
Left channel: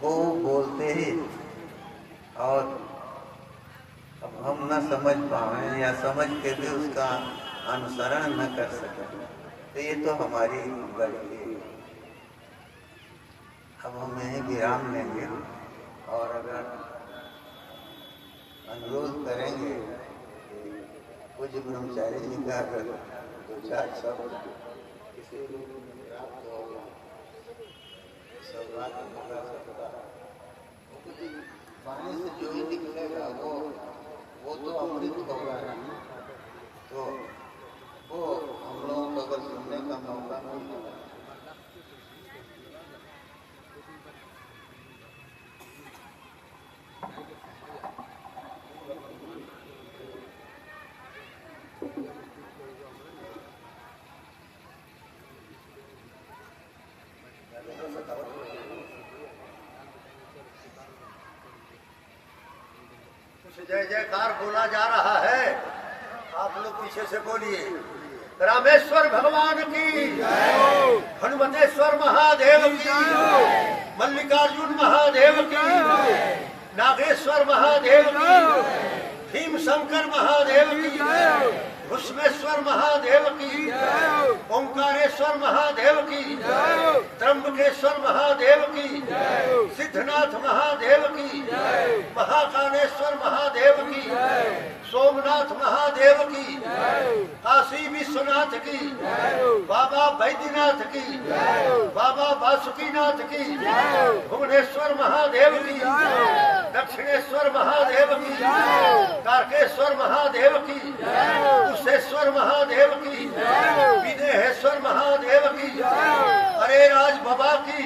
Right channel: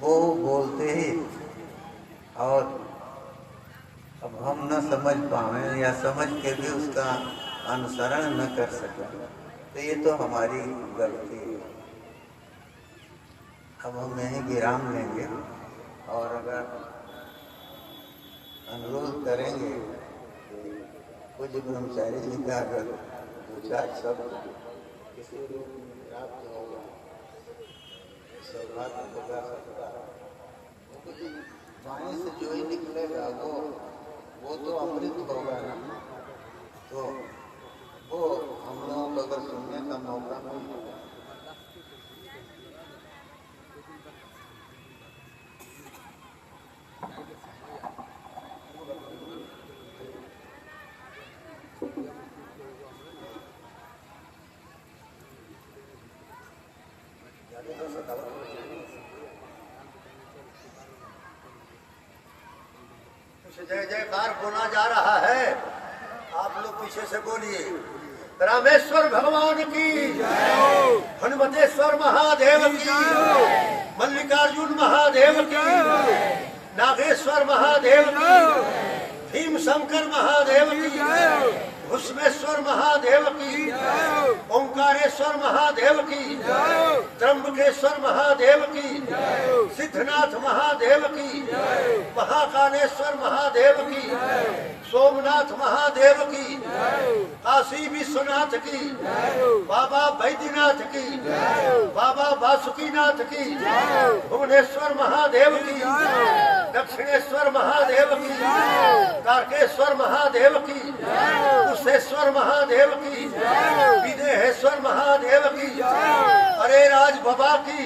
वो बोलते ही, और अब हम न समझ पाए या समझ के भी उसका अनुसरण न कर सके, तो ये तो हमारी गलती है। अब हम यहीं विराम लेंगे और अगर अनुरोध करेंगे कुछ ब्रह्मचारी जी का अगर दो चार शब्द किसी रूप में प्राप्त होगा, सौभाग्य होगा सबका, वो किसी वाणी से जो ही निकलेगा वो तो अमृत होगा ना, तो वो हम लोगों को अगर सुनने का मौका मिलेगा। जय जयकार बोला जा रहा है, आप लोग पीछे से बोलिए। रामेश्वर भगवान की, हनुमतेश्वर महादेव की, मल्लिकार्जुन महादेव की, नागेश्वर महादेव की, भीम शंकर महादेव की, भुष्मेश्वर महादेव की, ओंकारेश्वर महादेव की, त्र्यंबकेश्वर महादेव की, सिद्धनाथ महादेव की, महाकालेश्वर महादेव की, सोमनाथ महादेव की, काशी विश्वनाथ की, बाबा बैद्यनाथ की, बाबा बासुकीनाथ की, भुवनेश्वर महादेव की, दक्षिणेश्वर महादेव की, तारकेश्वर महादेव की, कुशेश्वर महादेव की, विदेहेश्वर महादेव की, अरे राज बाबा की,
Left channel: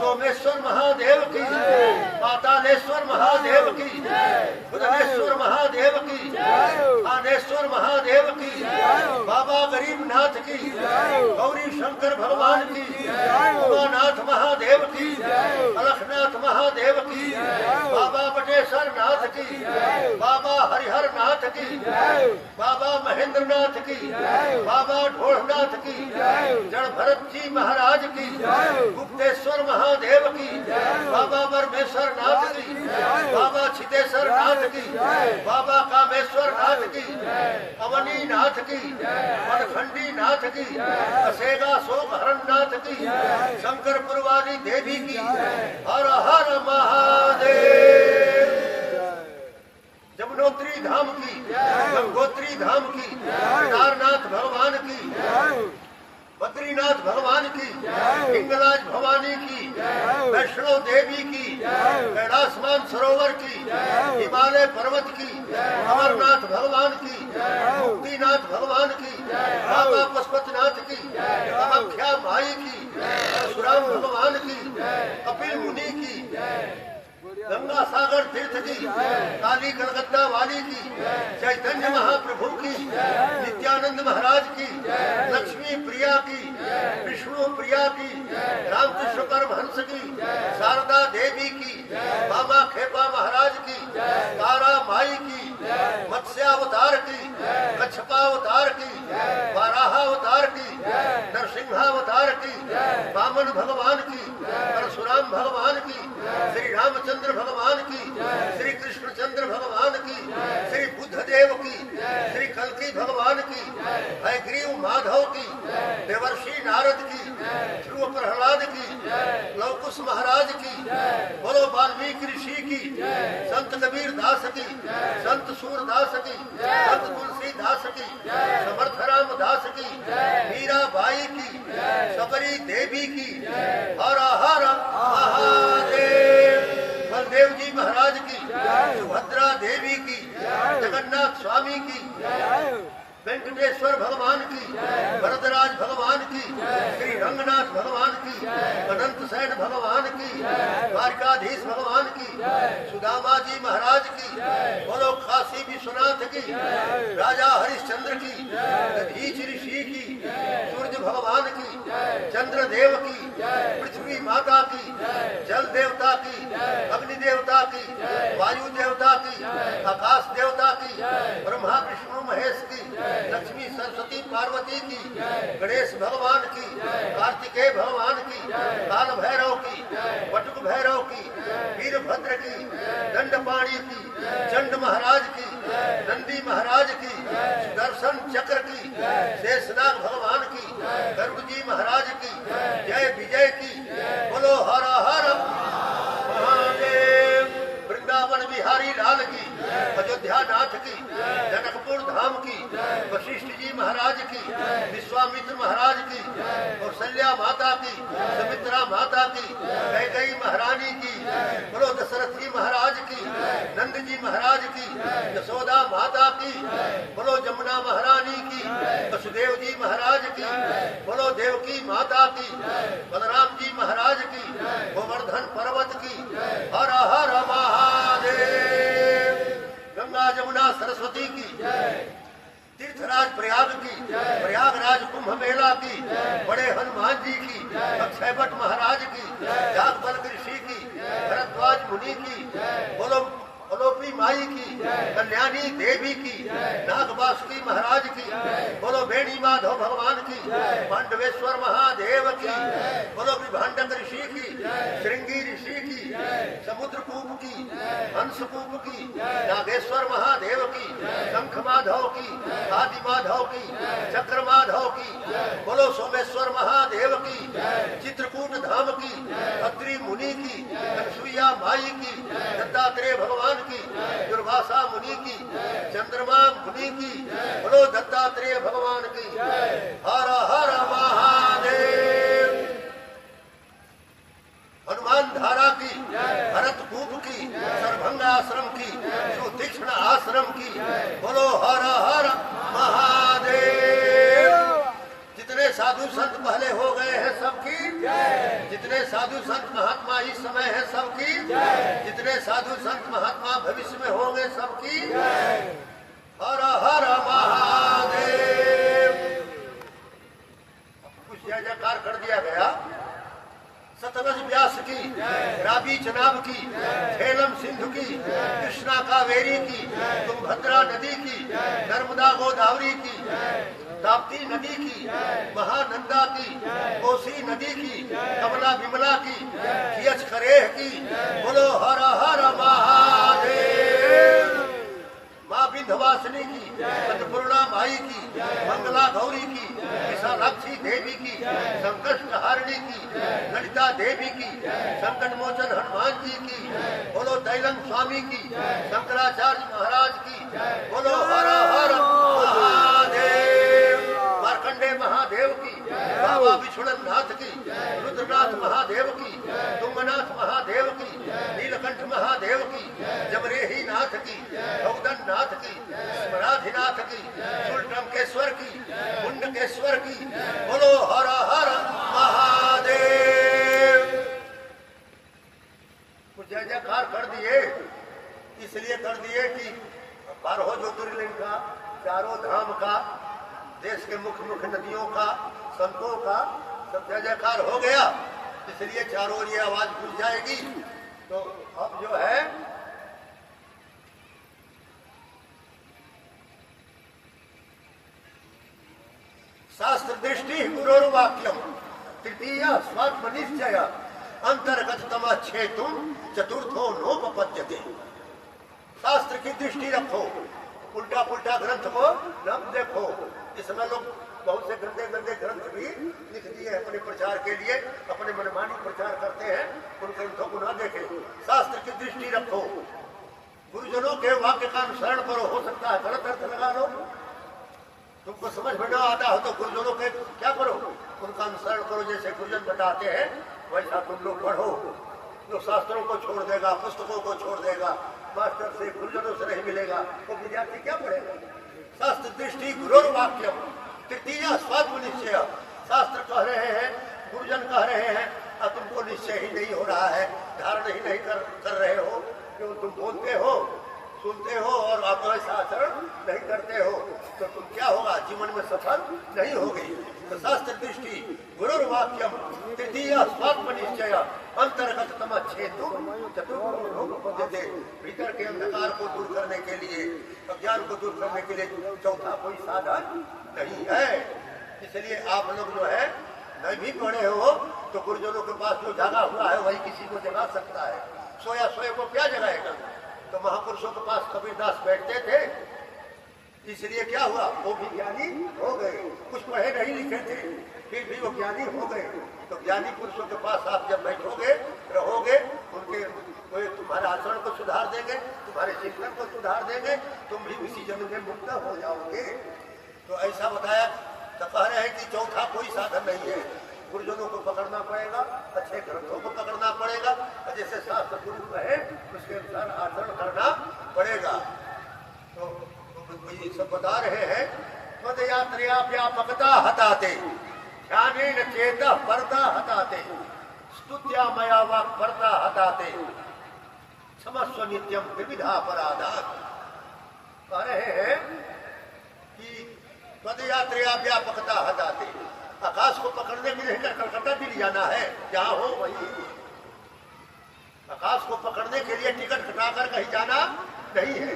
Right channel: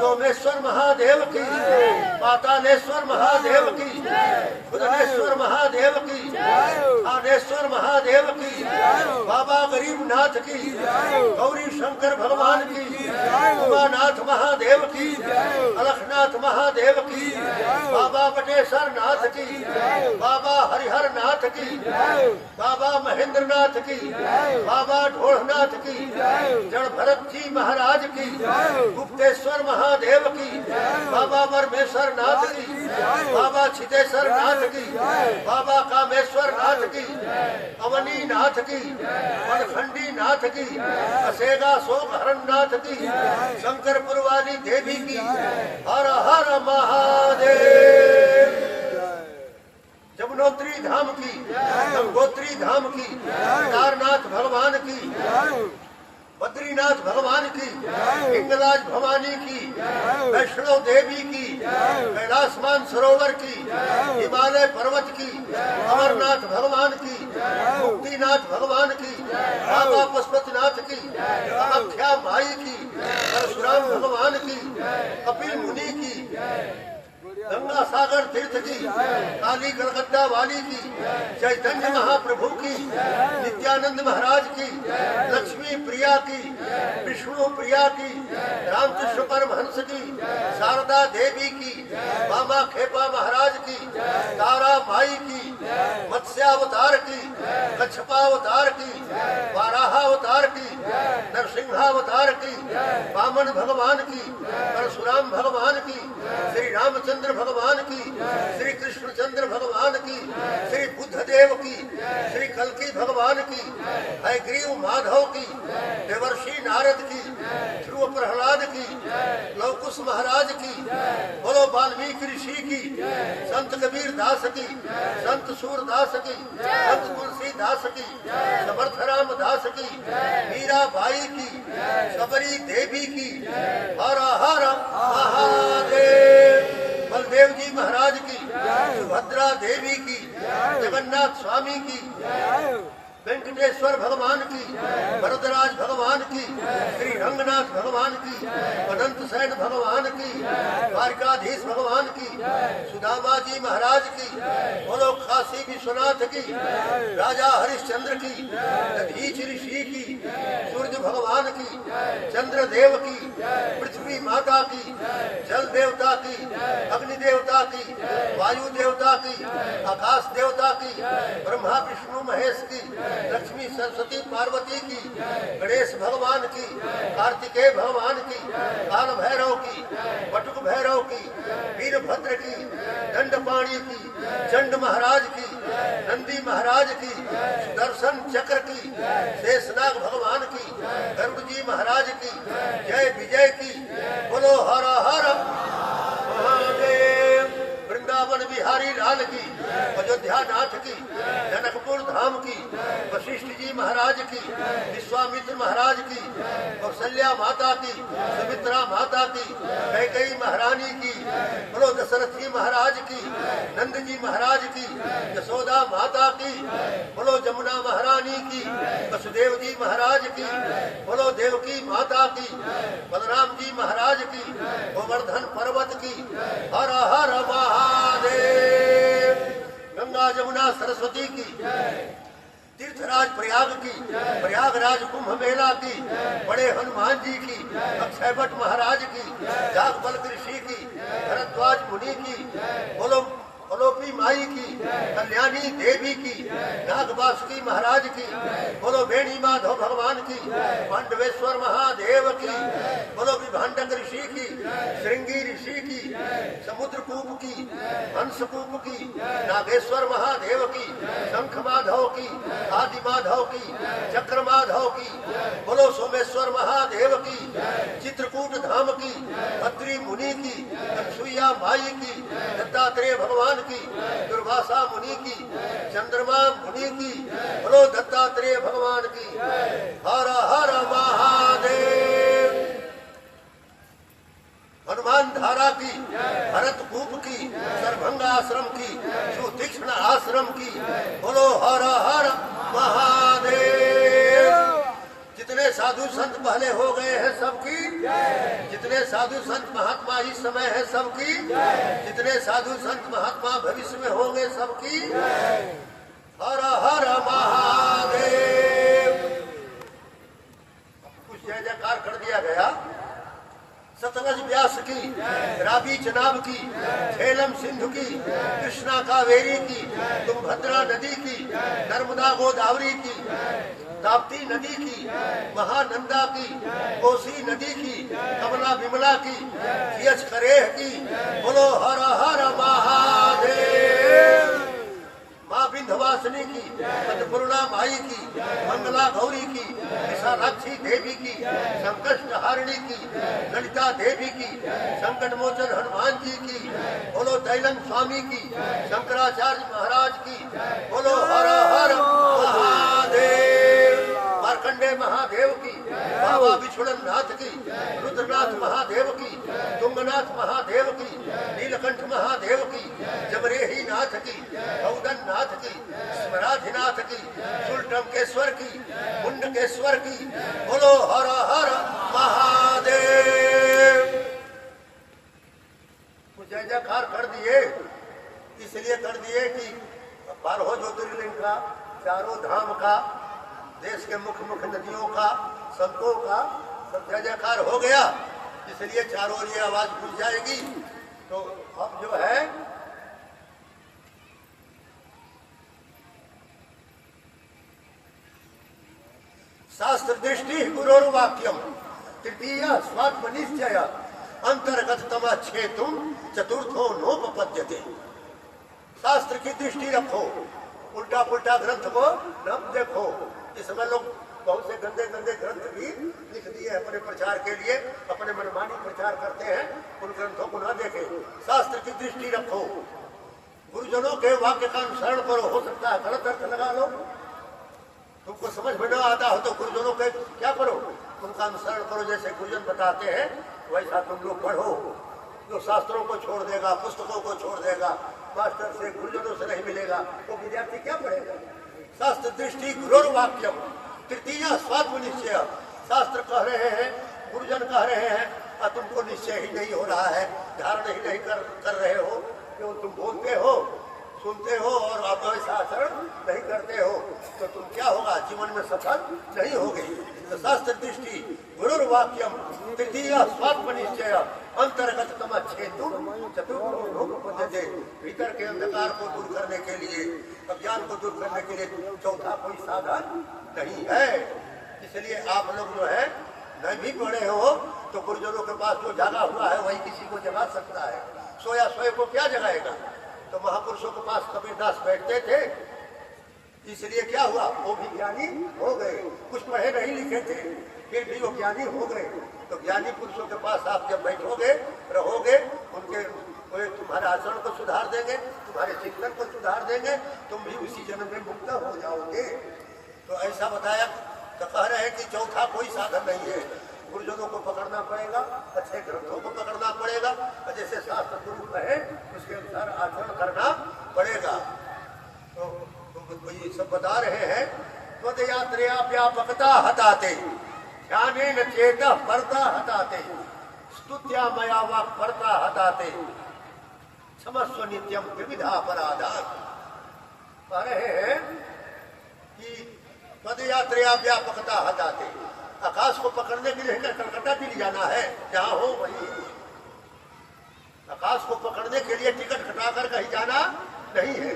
सोमेश्वर महादेव की, पातालेश्वर महादेव की, बुधनेश्वर महादेव की, थानेश्वर महादेव की, बाबा गरीबनाथ की, गौरी शंकर भगवान की, उमानाथ महादेव की, अलखनाथ महादेव की, बाबा बटेश्वर नाथ की, बाबा हरिहर नाथ की, बाबा महेंद्र नाथ की, बाबा ढोलनाथ की, जड़ भरत जी महाराज की, गुप्तेश्वर महादेव की, बाबा परमेश्वर नाथ की, बाबा छितेश्वर नाथ की, बाबा कामेश्वर नाथ की, अवनी नाथ की, मनखंडी नाथ की, असेगा सोम हरण नाथ की, शंकरपुर वाली देवी की, हर हर महादेव। जमुनोत्री धाम की, गंगोत्री धाम की, केदारनाथ भगवान की, बद्रीनाथ भगवान की, हिंगलाज भवानी की, वैष्णो देवी की, कैलाशमान सरोवर की, हिमालय पर्वत की, अमरनाथ भगवान की, मुक्तिनाथ भगवान की, बाबा पशुपतिनाथ की, कामाख्या माई की, परशुराम भगवान की, कपिल मुनि की, गंगा सागर तीर्थ की, काली कलकत्ता वाली की, चैतन्य महाप्रभु की, नित्यानंद महाराज की, लक्ष्मी प्रिया की, विष्णु प्रिया की, रामकृष्ण परमहंस की, शारदा देवी की, बाबा खेपा महाराज की, तारा माई की, मत्स्यावतार की, कच्छपावतार की, वाराहावतार की, नरसिंहावतार की, वामन भगवान की, परशुराम भगवान की, श्री रामचंद्र भगवान की, श्री कृष्णचंद्र भगवान की, श्री बुद्धदेव की, श्री कल्की भगवान की, हयग्रीव माधव की, देवर्षि नारद की, ध्रुव प्रहलाद की, लवकुश महाराज की, बोलो वाल्मीकि ऋषि की, संत कबीर दास की, संत सूरदास की, संत तुलसी दास की, समर्थ राम दास की, मीरा बाई की, सबरी देवी की, हर हर महादेव। बलदेव जी महाराज की, सुभद्रा देवी की, जगन्नाथ स्वामी की, वेंकटेश्वर भगवान की, वरदराज भगवान की, श्री रंगनाथ भगवान की, अनंत सैन भगवान की, द्वारकाधीश भगवान की, सुदामा जी महाराज की, बोलो काशी विश्वनाथ की, राजा हरिश्चंद्र की, दधीच ऋषि की, सूर्य भगवान की, चंद्रदेव की, पृथ्वी माता की, जल देवता की, अग्नि देवता की, वायु देवता की, आकाश देवता की, ब्रह्मा विष्णु महेश की, लक्ष्मी सरस्वती पार्वती की, गणेश भगवान की, कार्तिकेय भगवान की, काल भैरव की, बटुक भैरव की, वीरभद्र की, दंडपाणी की, चंड महाराज की, नंदी महाराज की, सुदर्शन चक्र की, शेषनाग भगवान की, गरुड़ जी महाराज की, जय विजय की, बोलो हर हर महादेव। वृंदावन बिहारी लाल की, अयोध्या नाथ की, जनकपुर धाम की, वशिष्ठ जी महाराज की, विश्वामित्र महाराज की, कौशल्या माता की, सुमित्रा माता की, कैकेयी महारानी की, बोलो दशरथ जी महाराज की, नंद जी महाराज की, यशोदा माता की, बोलो जमुना महारानी की, वसुदेव जी महाराज की, बोलो देवकी माता की, बलराम जी महाराज की, गोवर्धन पर्वत की, हर हर महादेव। गंगा जमुना सरस्वती की, तीर्थराज प्रयाग की, प्रयागराज कुंभ मेला की, बड़े हनुमान जी की, अक्षय भट्ट महाराज की, जागबल ऋषि की, भरद्वाज मुनि की, बोलो अलोपी माई की, कल्याणी देवी की, नागवासुकी महाराज की, बोलो बेणी माधव भगवान की, पांडवेश्वर महादेव की, बोलो विभांडक ऋषि की, श्रृंगी ऋषि की, समुद्रकूप की, हंसकूप की, नागेश्वर महादेव की, शंख माधव की, आदि माधव की, चक्र माधव की, बोलो सोमेश्वर महादेव की, चित्रकूट धाम की, अत्रि मुनि की, अनसुईया माई की, दत्तात्रेय भगवान की, दुर्वासा मुनि की, चंद्रमा मुनि की, बोलो दत्तात्रेय भगवान की, हर हर महादेव। हनुमान धारा की, भरतकूप की, सरभंगा आश्रम की, सुतीक्ष्ण आश्रम की, बोलो हर हर महादेव। जितने साधु संत पहले हो गए हैं सबकी, जितने साधु संत महात्मा इस समय है सबकी, जितने साधु संत महात्मा भविष्य में होंगे सबकी, हर हर महादेव। कुछ जय जयकार कर दिया गया। सतलज व्यास की, रावी चनाब की, झेलम सिंधु की, कृष्णा कावेरी की, तुंगभद्रा नदी की, नर्मदा गोदावरी की, ताप्ती नदी की, महानंदा की, कोसी नदी की, कमला विमला की, खियच खरेह की, बोलो हर हर महादेव। माँ विंध्यवासिनी की, अन्नपूर्णा माई की, मंगला गौरी की, विशालाक्षी देवी की, संकष्ट हारिणी की, ललिता देवी की, संकट मोचन हनुमान जी की, बोलो दैलम स्वामी की, शंकराचार्य महाराज की, बोलो हर हर महादेव। मार्कंडे महादेव की, बाबा विष्णुनाथ नाथ की, रुद्रनाथ महादेव की, तुंगनाथ महादेव की, नीलकंठ महादेव की, जबरेही नाथ की, गौदन नाथ की, स्मराधिनाथ की, सुलटमकेश्वर की, मुंडकेश्वर की, बोलो हर हर महादेव। कुछ जय जयकार कर दिए, इसलिए कर दिए कि 12 ज्योतिर्लिंग का, चारों धाम का, देश के मुख्य मुख्य नदियों का, संतों का सब जय जयकार हो गया, इसलिए चारों ओर ये आवाज पूछ जाएगी। तो अब जो है शास्त्र दृष्टि गुरोर्वाक्यम तृतीय स्वात्मनिश्चय अंतर्गततम छेतुम चतुर्थो नोपपद्यते। शास्त्र की दृष्टि रखो, उल्टा पुल्टा ग्रंथ को न देखो। इसमें लोग बहुत से गंदे गंदे ग्रंथ भी लिख दिए अपने प्रचार के लिए, अपने मनमानी प्रचार करते हैं, उन ग्रंथों को न देखें। शास्त्र की दृष्टि रखो, गुरुजनों के वाक्य का अनुसरण करो। हो सकता है गलत अर्थ लगा लो, तुमको समझ में न आता हो तो गुरुजनों के क्या करो, उनका अनुसरण करो। जैसे गुरुजन बताते हैं वैसा तुम लोग पढ़ो। जो शास्त्रों को छोड़ देगा, पुस्तकों को छोड़ देगा, मास्टर से गुरुजनों से नहीं मिलेगा, तो विद्यार्थी क्या पढ़ेगा। शास्त्र दृष्टि गुरोर्वाक्यम तृतीय स्वात्मनिश्चय। शास्त्र कह रहे हैं, गुरुजन कह रहे हैं, और तुमको निश्चय ही नहीं हो रहा है, धारण ही नहीं कर रहे हो, क्यों तुम बोलते हो सुनते हो और आप ऐसा आचरण नहीं करते हो तो तुम क्या होगा, जीवन में सफल नहीं होगे। तो शास्त्र दृष्टि गुरुर वाक्यम तृतीय स्वात्म निश्चय अंतर्गत तमच्छेतु चतुर्थे, भीतर के अंधकार को दूर करने के लिए, अज्ञान को दूर करने के लिए चौथा कोई साधन नहीं है। इसलिए आप लोग जो है नहीं भी पढ़े हो तो गुरुजनों के पास जो जागा हुआ है वही किसी को जगा सकता है। सोया सोए को क्या जगाएगा। तो महापुरुषों के पास कबीरदास बैठते थे, इसलिए क्या हुआ, वो भी ज्ञानी हो गए। कुछ पढ़े नहीं लिखे थे फिर भी वो ज्ञानी हो गए। तो ज्ञानी पुरुषों के पास आप जब बैठोगे रहोगे, उनके तुम्हारे आचरण को सुधार देंगे, तुम्हारे चिंतन को सुधार देंगे, तुम भी उसी जन्म में मुक्त हो जाओगे। तो ऐसा बताया। तो कह रहे हैं कि चौथा कोई साधन नहीं है। गुरुजनों को पकड़ना पड़ेगा, अच्छे ग्रंथों को पकड़ना पड़ेगा, जैसे शास्त्र गुरु कहे उसके अनुसार आचरण करना पड़ेगा। तो ये सब बता रहे हैं। पद यात्रा व्यापकता हटाते, ध्याने न चेता परता हटाते, स्तुत्या मया वाक परता हटाते, क्षमस्व नित्यम विविधा अपराधा। कह रहे हैं कि पद यात्रा व्यापकता हटाते, आकाश को पकड़ने के लिए कलकत्ता दिल्ली जाना है, जहाँ हो वही। आकाश को पकड़ने के लिए टिकट कटाकर कहीं जाना नहीं है।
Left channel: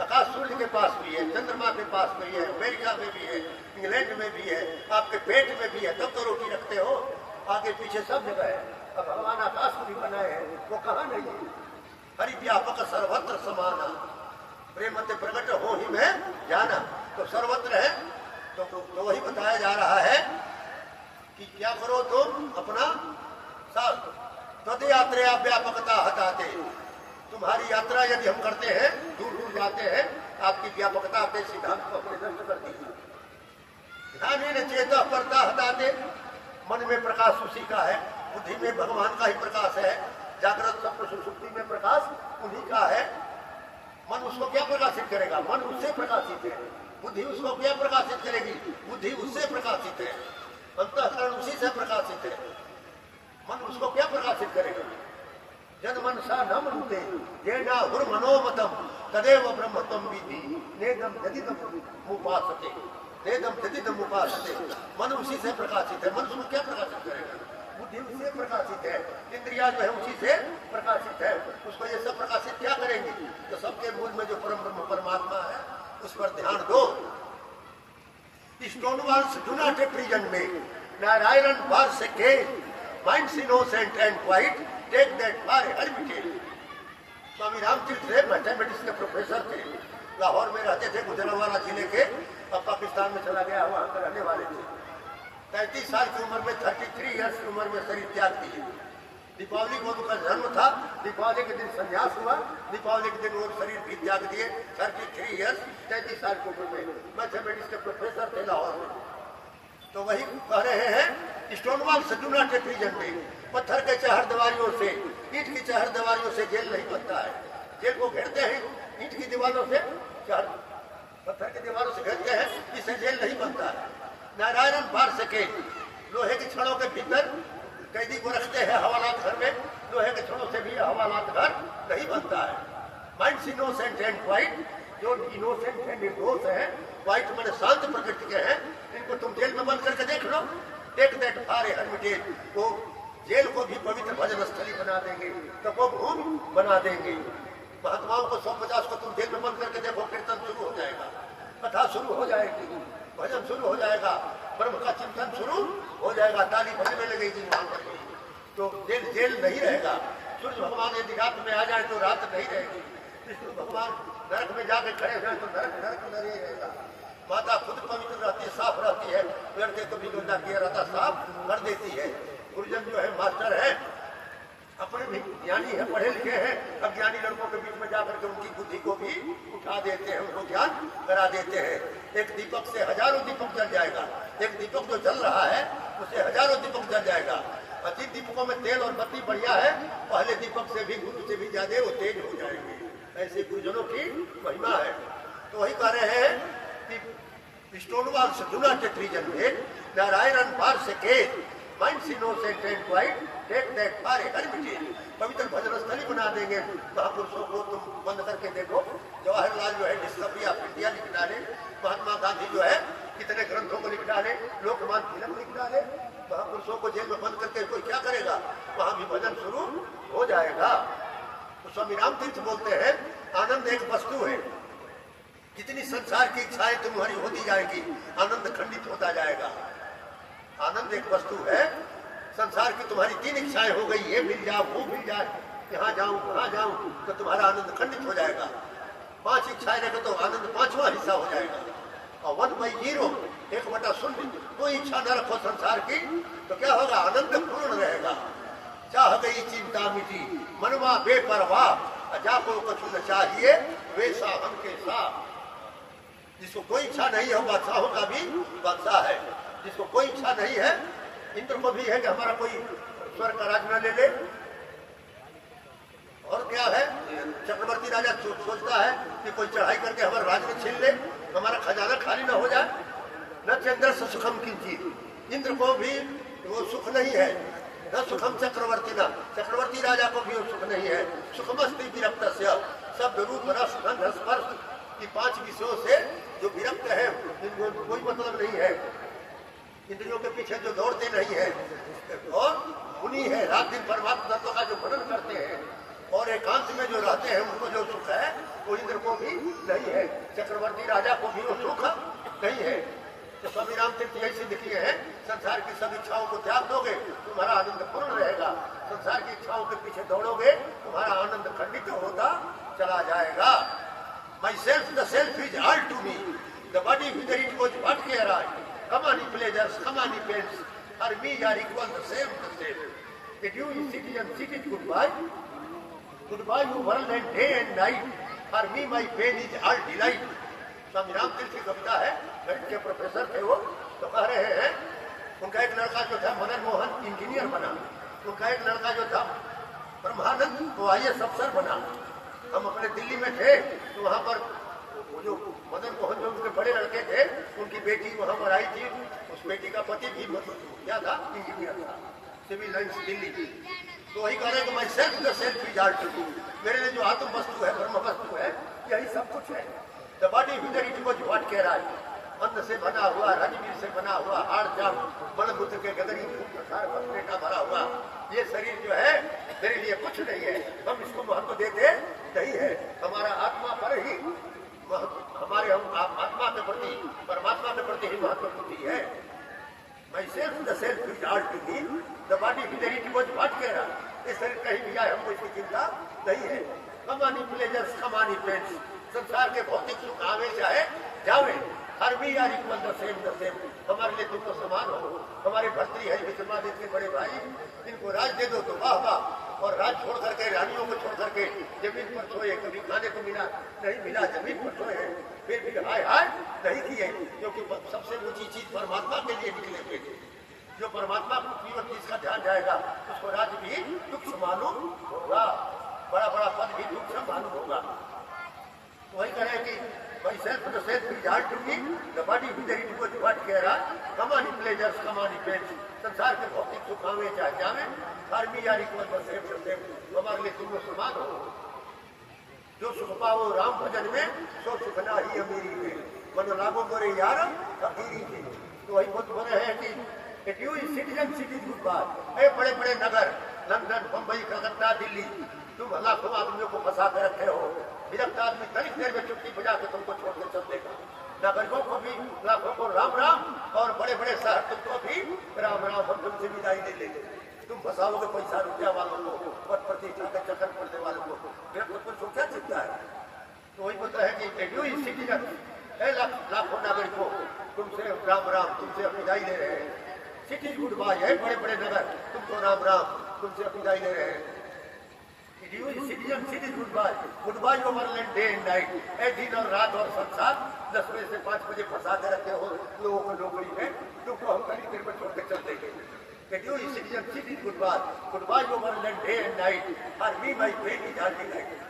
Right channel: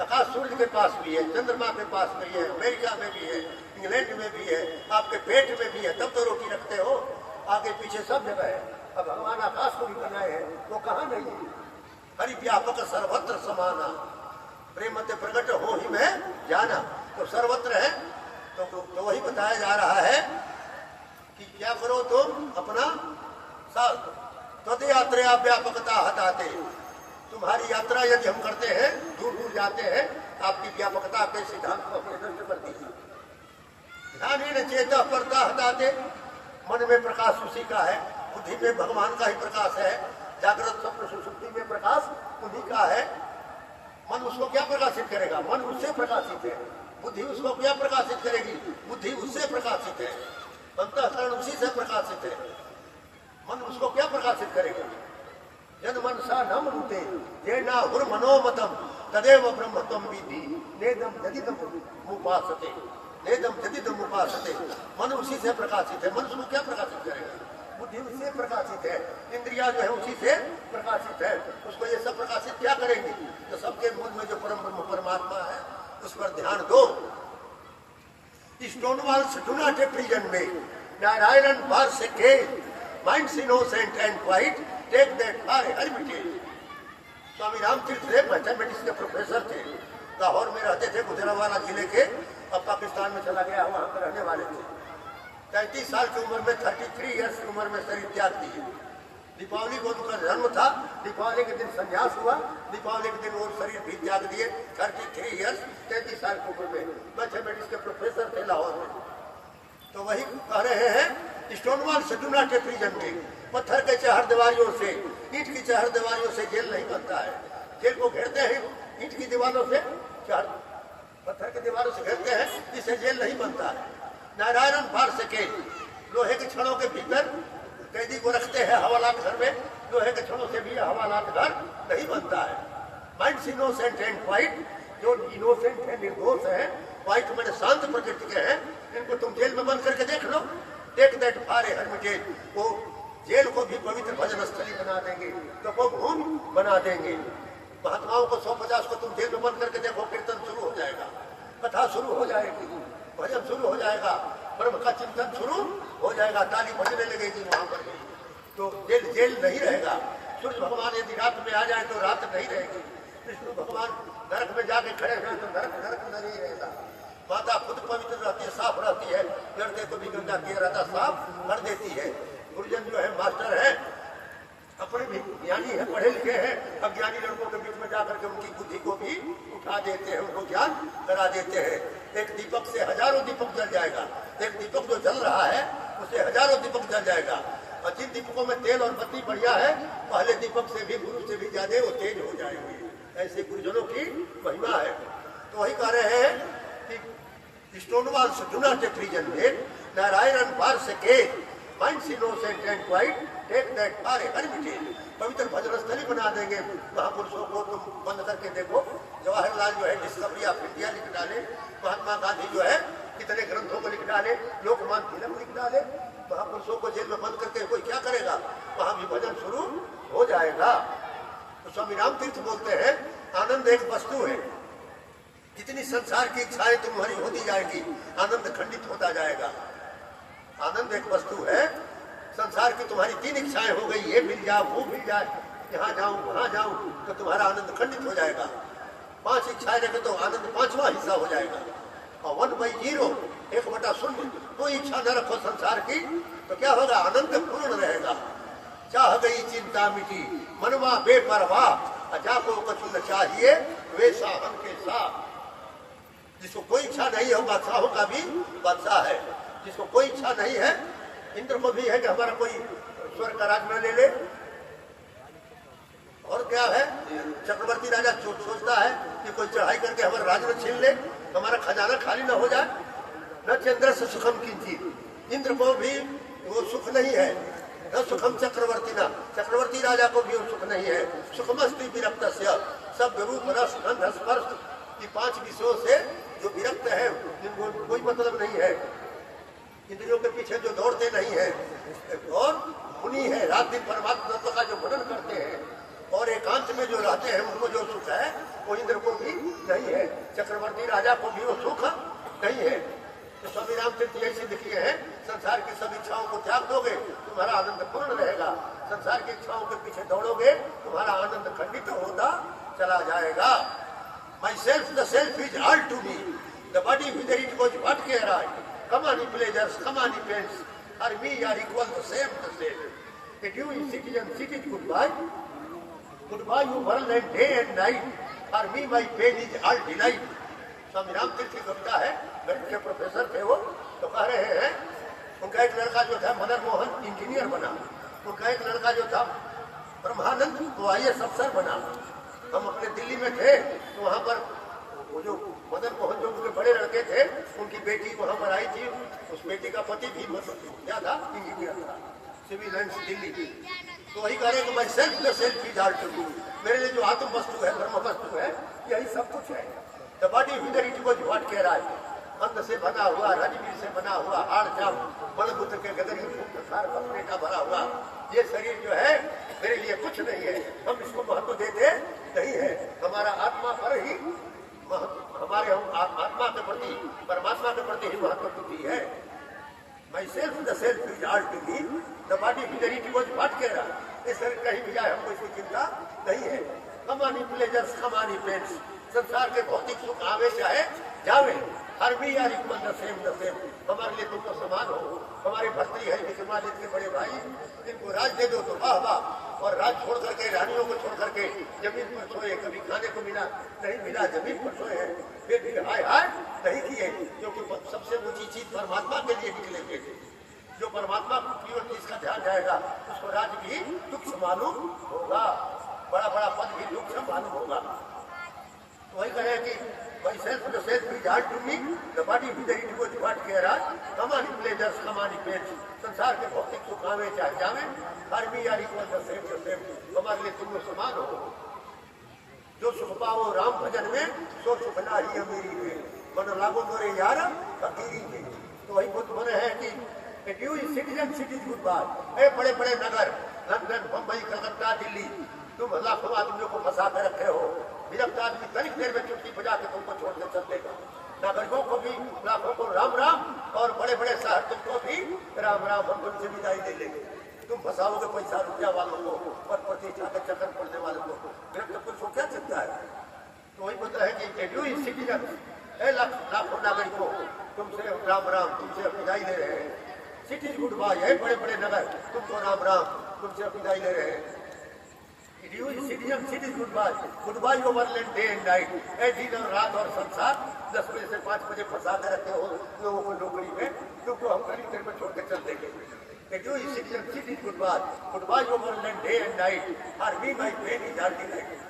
आकाश सूर्य के पास भी है, चंद्रमा के पास भी है, अमेरिका में भी है, इंग्लैंड में भी है, आपके पेट में भी है, तब तो रोटी रखते हो। आगे पीछे सब जगह है। अब भगवान आकाश को भी बनाए हैं, वो कहाँ नहीं है। हरि व्यापक सर्वत्र समाना, प्रेम ते प्रकट हो ही में जाना। तो सर्वत्र है। तो वही बताया जा रहा है कि क्या करो तुम अपना तद यात्रा व्यापकता हटाते। तुम्हारी यात्रा यदि हम करते हैं, दूर दूर जाते हैं, आपकी व्यापकता के सिद्धांत को अपने नष्ट कर दीजिए। ध्यान ही न चेता परता हटाते, मन में प्रकाश उसी का है, बुद्धि में भगवान का ही प्रकाश है, जागृत स्वप्न सुषुप्ति में प्रकाश उन्हीं का है। मन उसको क्या प्रकाशित करेगा, मन उससे प्रकाशित है। बुद्धि उसको क्या प्रकाशित करेगी, बुद्धि उससे प्रकाशित है। अंतःकरण उसी से प्रकाशित है। मन उसको क्या प्रकाशित करेगा। जन मन सा न मनुते ये ना हुर मनोमतम तदेव ब्रह्मत्वम विधि नेदम जदिदम उपासते, नेदम जदिदम उपासते। मन उसी से प्रकाशित है। मन उसको क्या प्रकाशित करेगा, बुद्धि उससे प्रकाशित है, इंद्रिया जो है उसी से प्रकाशित है। उसको ये सब प्रकाशित क्या करेंगे। तो सबके मूल में जो परम ब्रह्म परमात्मा है उस पर ध्यान दो। Stone wall do not a prison में नारायण बार से के minds innocent and quite take that for heritage. Swami Ramtirtha थे, मैथमेटिक्स के प्रोफेसर थे, लाहौर में रहते थे, गुजरांवाला जिले के। अब पाकिस्तान में चला गया, वहां पर रहने वाले थे। 33 साल की उम्र में 33 ईयर्स की उम्र में शरीर त्याग दिए। दीपावली को उनका जन्म था, दीपावली के दिन संन्यास हुआ, दीपावली के दिन वो शरीर भी त्याग दिए। 33 ईयर्स 33 साल की उम्र में मैथमेटिक्स के प्रोफेसर थे लाहौर में। तो वही कह रहे हैं स्टोनवॉल से डू नॉट ए प्रिजन में, पत्थर के चहरदीवारियों से, ईंट की चहरदीवारियों से जेल नहीं बनता है। जेल को घेरते हैं ईंट की दीवारों से, पत्थर की दीवारों से घेरते हैं, इससे जेल नहीं बनता है। नारायण फार सके, लोहे की छड़ों के भीतर कैदी को रखते हैं हवालात घर में, लोहे के छड़ों से भी हवालात घर नहीं बनता है। माइंड्स इनोसेंट एंड वाइट, जो इनोसेंट है, निर्दोष है, वाइट मैंने शांत प्रकृति के हैं, इनको तुम जेल में बंद करके देख लो। Take that for a heritage, वो जेल को भी पवित्र भजन स्थली बना देंगे, तो वो भूमि बना देंगे। महात्माओं को 150 को तुम जेल में बंद करके देखो, कीर्तन शुरू हो जाएगा, कथा शुरू हो जाएगी, भजन शुरू हो जाएगा, ब्रह्म का चिंतन शुरू हो जाएगा, ताली बजने लगेगी वहां पर। तो जेल नहीं रहेगा। सूर्य भगवान यदि रात में आ जाए तो रात नहीं रहेगी। विष्णु भगवान नरक में जाके खड़े हैं तो नरक नहीं रहेगा। माता खुद पवित्र रहती है, साफ रहती है, लड़के को भी गंदा किया रहता साफ कर देती है। गुरुजन जो है मास्टर है, अपने भी ज्ञानी है, पढ़े लिखे हैं, अज्ञानी लड़कों के बीच में जाकर के उनकी बुद्धि को भी उठा देते हैं, उनको ज्ञान करा देते हैं। एक दीपक से हजारों दीपक जल जाएगा। एक दीपक जो जल रहा है उससे हजारों दीपक जल जाएगा। और जिन दीपकों में तेल और बत्ती बढ़िया है, पहले दीपक से भी, गुरु से भी ज्यादा वो तेज हो जाएंगे। ऐसे गुरुजनों की महिमा है। तो वही कह रहे हैं कि स्टोनवॉल से डू नॉट ए प्रिजन में Narayan for sake minds innocent and quite take that for a heritage. पवित्र भजन स्थली बना देंगे। महापुरुषों को तुम बंद करके देखो, जवाहरलाल जो है डिस्कवरी ऑफ इंडिया लिख डाले, महात्मा गांधी जो है कितने ग्रंथों को लिख डाले, लोकमान तिलक लिख डाले। महापुरुषों को जेल में बंद करके कोई क्या करेगा? वहां भी भजन शुरू हो जाएगा। तो स्वामी राम तीर्थ बोलते हैं आनंद एक वस्तु है, जितनी संसार की इच्छाएं तुम्हारी होती जाएगी आनंद खंडित होता जाएगा। आनंद एक वस्तु है, संसार की तुम्हारी 3 इच्छाएं हो गई, ये मिल जाए वो मिल जाए, यहाँ जाऊं वहां जाऊं, तो तुम्हारा आनंद खंडित हो जाएगा। 5 इच्छाएं रखे तो आनंद 5वां हिस्सा हो जाएगा। और 1/0 1/0 कोई इच्छा न रखो संसार की, तो क्या होगा? आनंद पूर्ण रहेगा। चाह गई चिंता मिटी मनवा बेपरवाह, जाको कुछ न चाहिए वैसा हमके साथ। जिसको कोई इच्छा नहीं हो बादशाहों का भी बादशाह है, जिसको कोई इच्छा नहीं है, इंद्र को भी है कि हमारा कोई स्वर्ग का राज न ले ले। और क्या है, चक्रवर्ती राजा सोचता है कि कोई चढ़ाई करके हमारा राज में छीन ले, हमारा खजाना खाली न हो जाए। न चंद्र से सुखम की चीज, इंद्र को भी वो सुख नहीं है। न सुखम चक्रवर्ती न, चक्रवर्ती राजा को भी सुख नहीं है। सुखमस्ती विरक्त से, सब रूप रस गंध स्पर्श की 5 विषयों से जो विरक्त है, इनको कोई मतलब नहीं है। इंद्रियों के पीछे जो दौड़ते नहीं है, और उन्हीं है रात दिन परमात्मा तत्व का जो वर्णन करते हैं और एकांत में जो रहते हैं, उनको जो सुख है वो इंद्र को भी नहीं है, चक्रवर्ती राजा को भी वो सुख नहीं है। तो स्वामी राम तीर्थ ऐसे लिखे हैं, संसार की सब इच्छाओं को त्याग दोगे तुम्हारा आनंद पूर्ण रहेगा, संसार की इच्छाओं के पीछे दौड़ोगे तुम्हारा आनंद खंडित होता चला जाएगा। My self the self is all to me, the body whither it goes what care I, come on pleasures, come on pains, for me are equal the same. That you citizen, city goodbye, goodbye you world and day and night, for me my pain is all delight. स्वामी राम तीर्थ की कविता है, गणित के professor थे वो, तो कह रहे हैं उनका एक लड़का जो था मदन मोहन इंजीनियर बना, उनका एक लड़का जो था ब्रह्मानंद वो IAS अफसर बना। हम अपने दिल्ली में थे तो वहाँ पर जो मदन मोहन जो उनके बड़े लड़के थे, उनकी बेटी वहां पर आई थी, उस बेटी का पति भी क्या था? इंजीनियर था, सिविल लाइन्स दिल्ली की। तो वही कह रहे कि मैं self the self is all to me, मेरे लिए जो आत्म वस्तु है, ब्रह्म वस्तु है, यही सब कुछ है। The body whither it goes what care I, अन्न से बना हुआ, राजवीर से बना हुआ, हाड़ जाम बड़बुद्ध के गदरी बसने का भरा हुआ ये शरीर जो है मेरे लिए कुछ नहीं है, हम इसको महत्व देते नहीं है। हमारा आत्मा पर ही, हमारे हम आत्मा के प्रति, परमात्मा के प्रति ही महत्व बुद्धि है। My self the self is all to me, the body whither it goes what care I, इस शरीर कहीं भी जाए हमको इसकी चिंता नहीं है। कमानी प्लेजर्स कमानी पेन्स, संसार के भौतिक सुख आवे चाहे जावे, हर भी यार इक्वल द सेम, हमारे लिए तुम तो समान हो। हमारे भर्तरी है विक्रमादित्य के बड़े भाई, इनको राज दे दो तो वाह वाह, और राज छोड़ करके, रानियों को छोड़ करके जमीन पर सोए, कभी खाने को मिला नहीं मिला, जमीन पर सोए, फिर भी हाय हाय नहीं किए, क्योंकि सबसे ऊंची चीज परमात्मा के लिए निकलेंगे। जो परमात्मा की ओर जिसका ध्यान जाएगा उसको राज भी तुच्छ मालूम होगा, बड़ा बड़ा पद भी तुच्छ मालूम होगा। तो वही कहे कि भाई self the self is all to me, the body whither it goes what care I, come on pleasures come on pains, संसार के भौतिक सुख आवे चाहे जावे, हर भी यार इक्वल द सेम, हमारे लिए तुम समान हो। जो सुख पाओ राम भजन में, सो सुख ना ही अमीरी में, मन लागो मोरे यार फकीरी की। तो वही बुद्ध बोले हैं कि you is citizen cities good बात, ए बड़े बड़े नगर लंदन बम्बई कलकत्ता दिल्ली, तुम लाखों आदमियों को फंसा कर रखे हो, विरक्त आदमी तनिक देर में चुटकी बजा के तुमको छोड़ के चल देगा। नागरिकों को भी लाखों को राम राम, और बड़े बड़े शहर तुमको भी राम राम, हम तुमसे विदाई ले लेंगे। तुम फंसाओगे पैसा रुपया वालों को, पद प्रतिष्ठा के चक्कर पड़ने वालों को, तुमको क्या चिंता है? तो वही बोलता है कि यू इज सिटीजन, लाखों नागरिकों तुमसे राम राम, तुमसे विदाई ले रहे हैं। सिटीज गुड बाय है, बड़े बड़े नगर तुमको राम राम, तुमसे विदाई ले रहे हैं। Citizen cities good bye overland day and night, ए दिन और रात और संसार 10 बजे से 5 बजे फंसा कर रखे हो लोगों को नौकरी में, तुमको हम कहीं देर में छोड़ के चल देंगे। Citizen cities good bye overland day and night, और me my pain is all delight.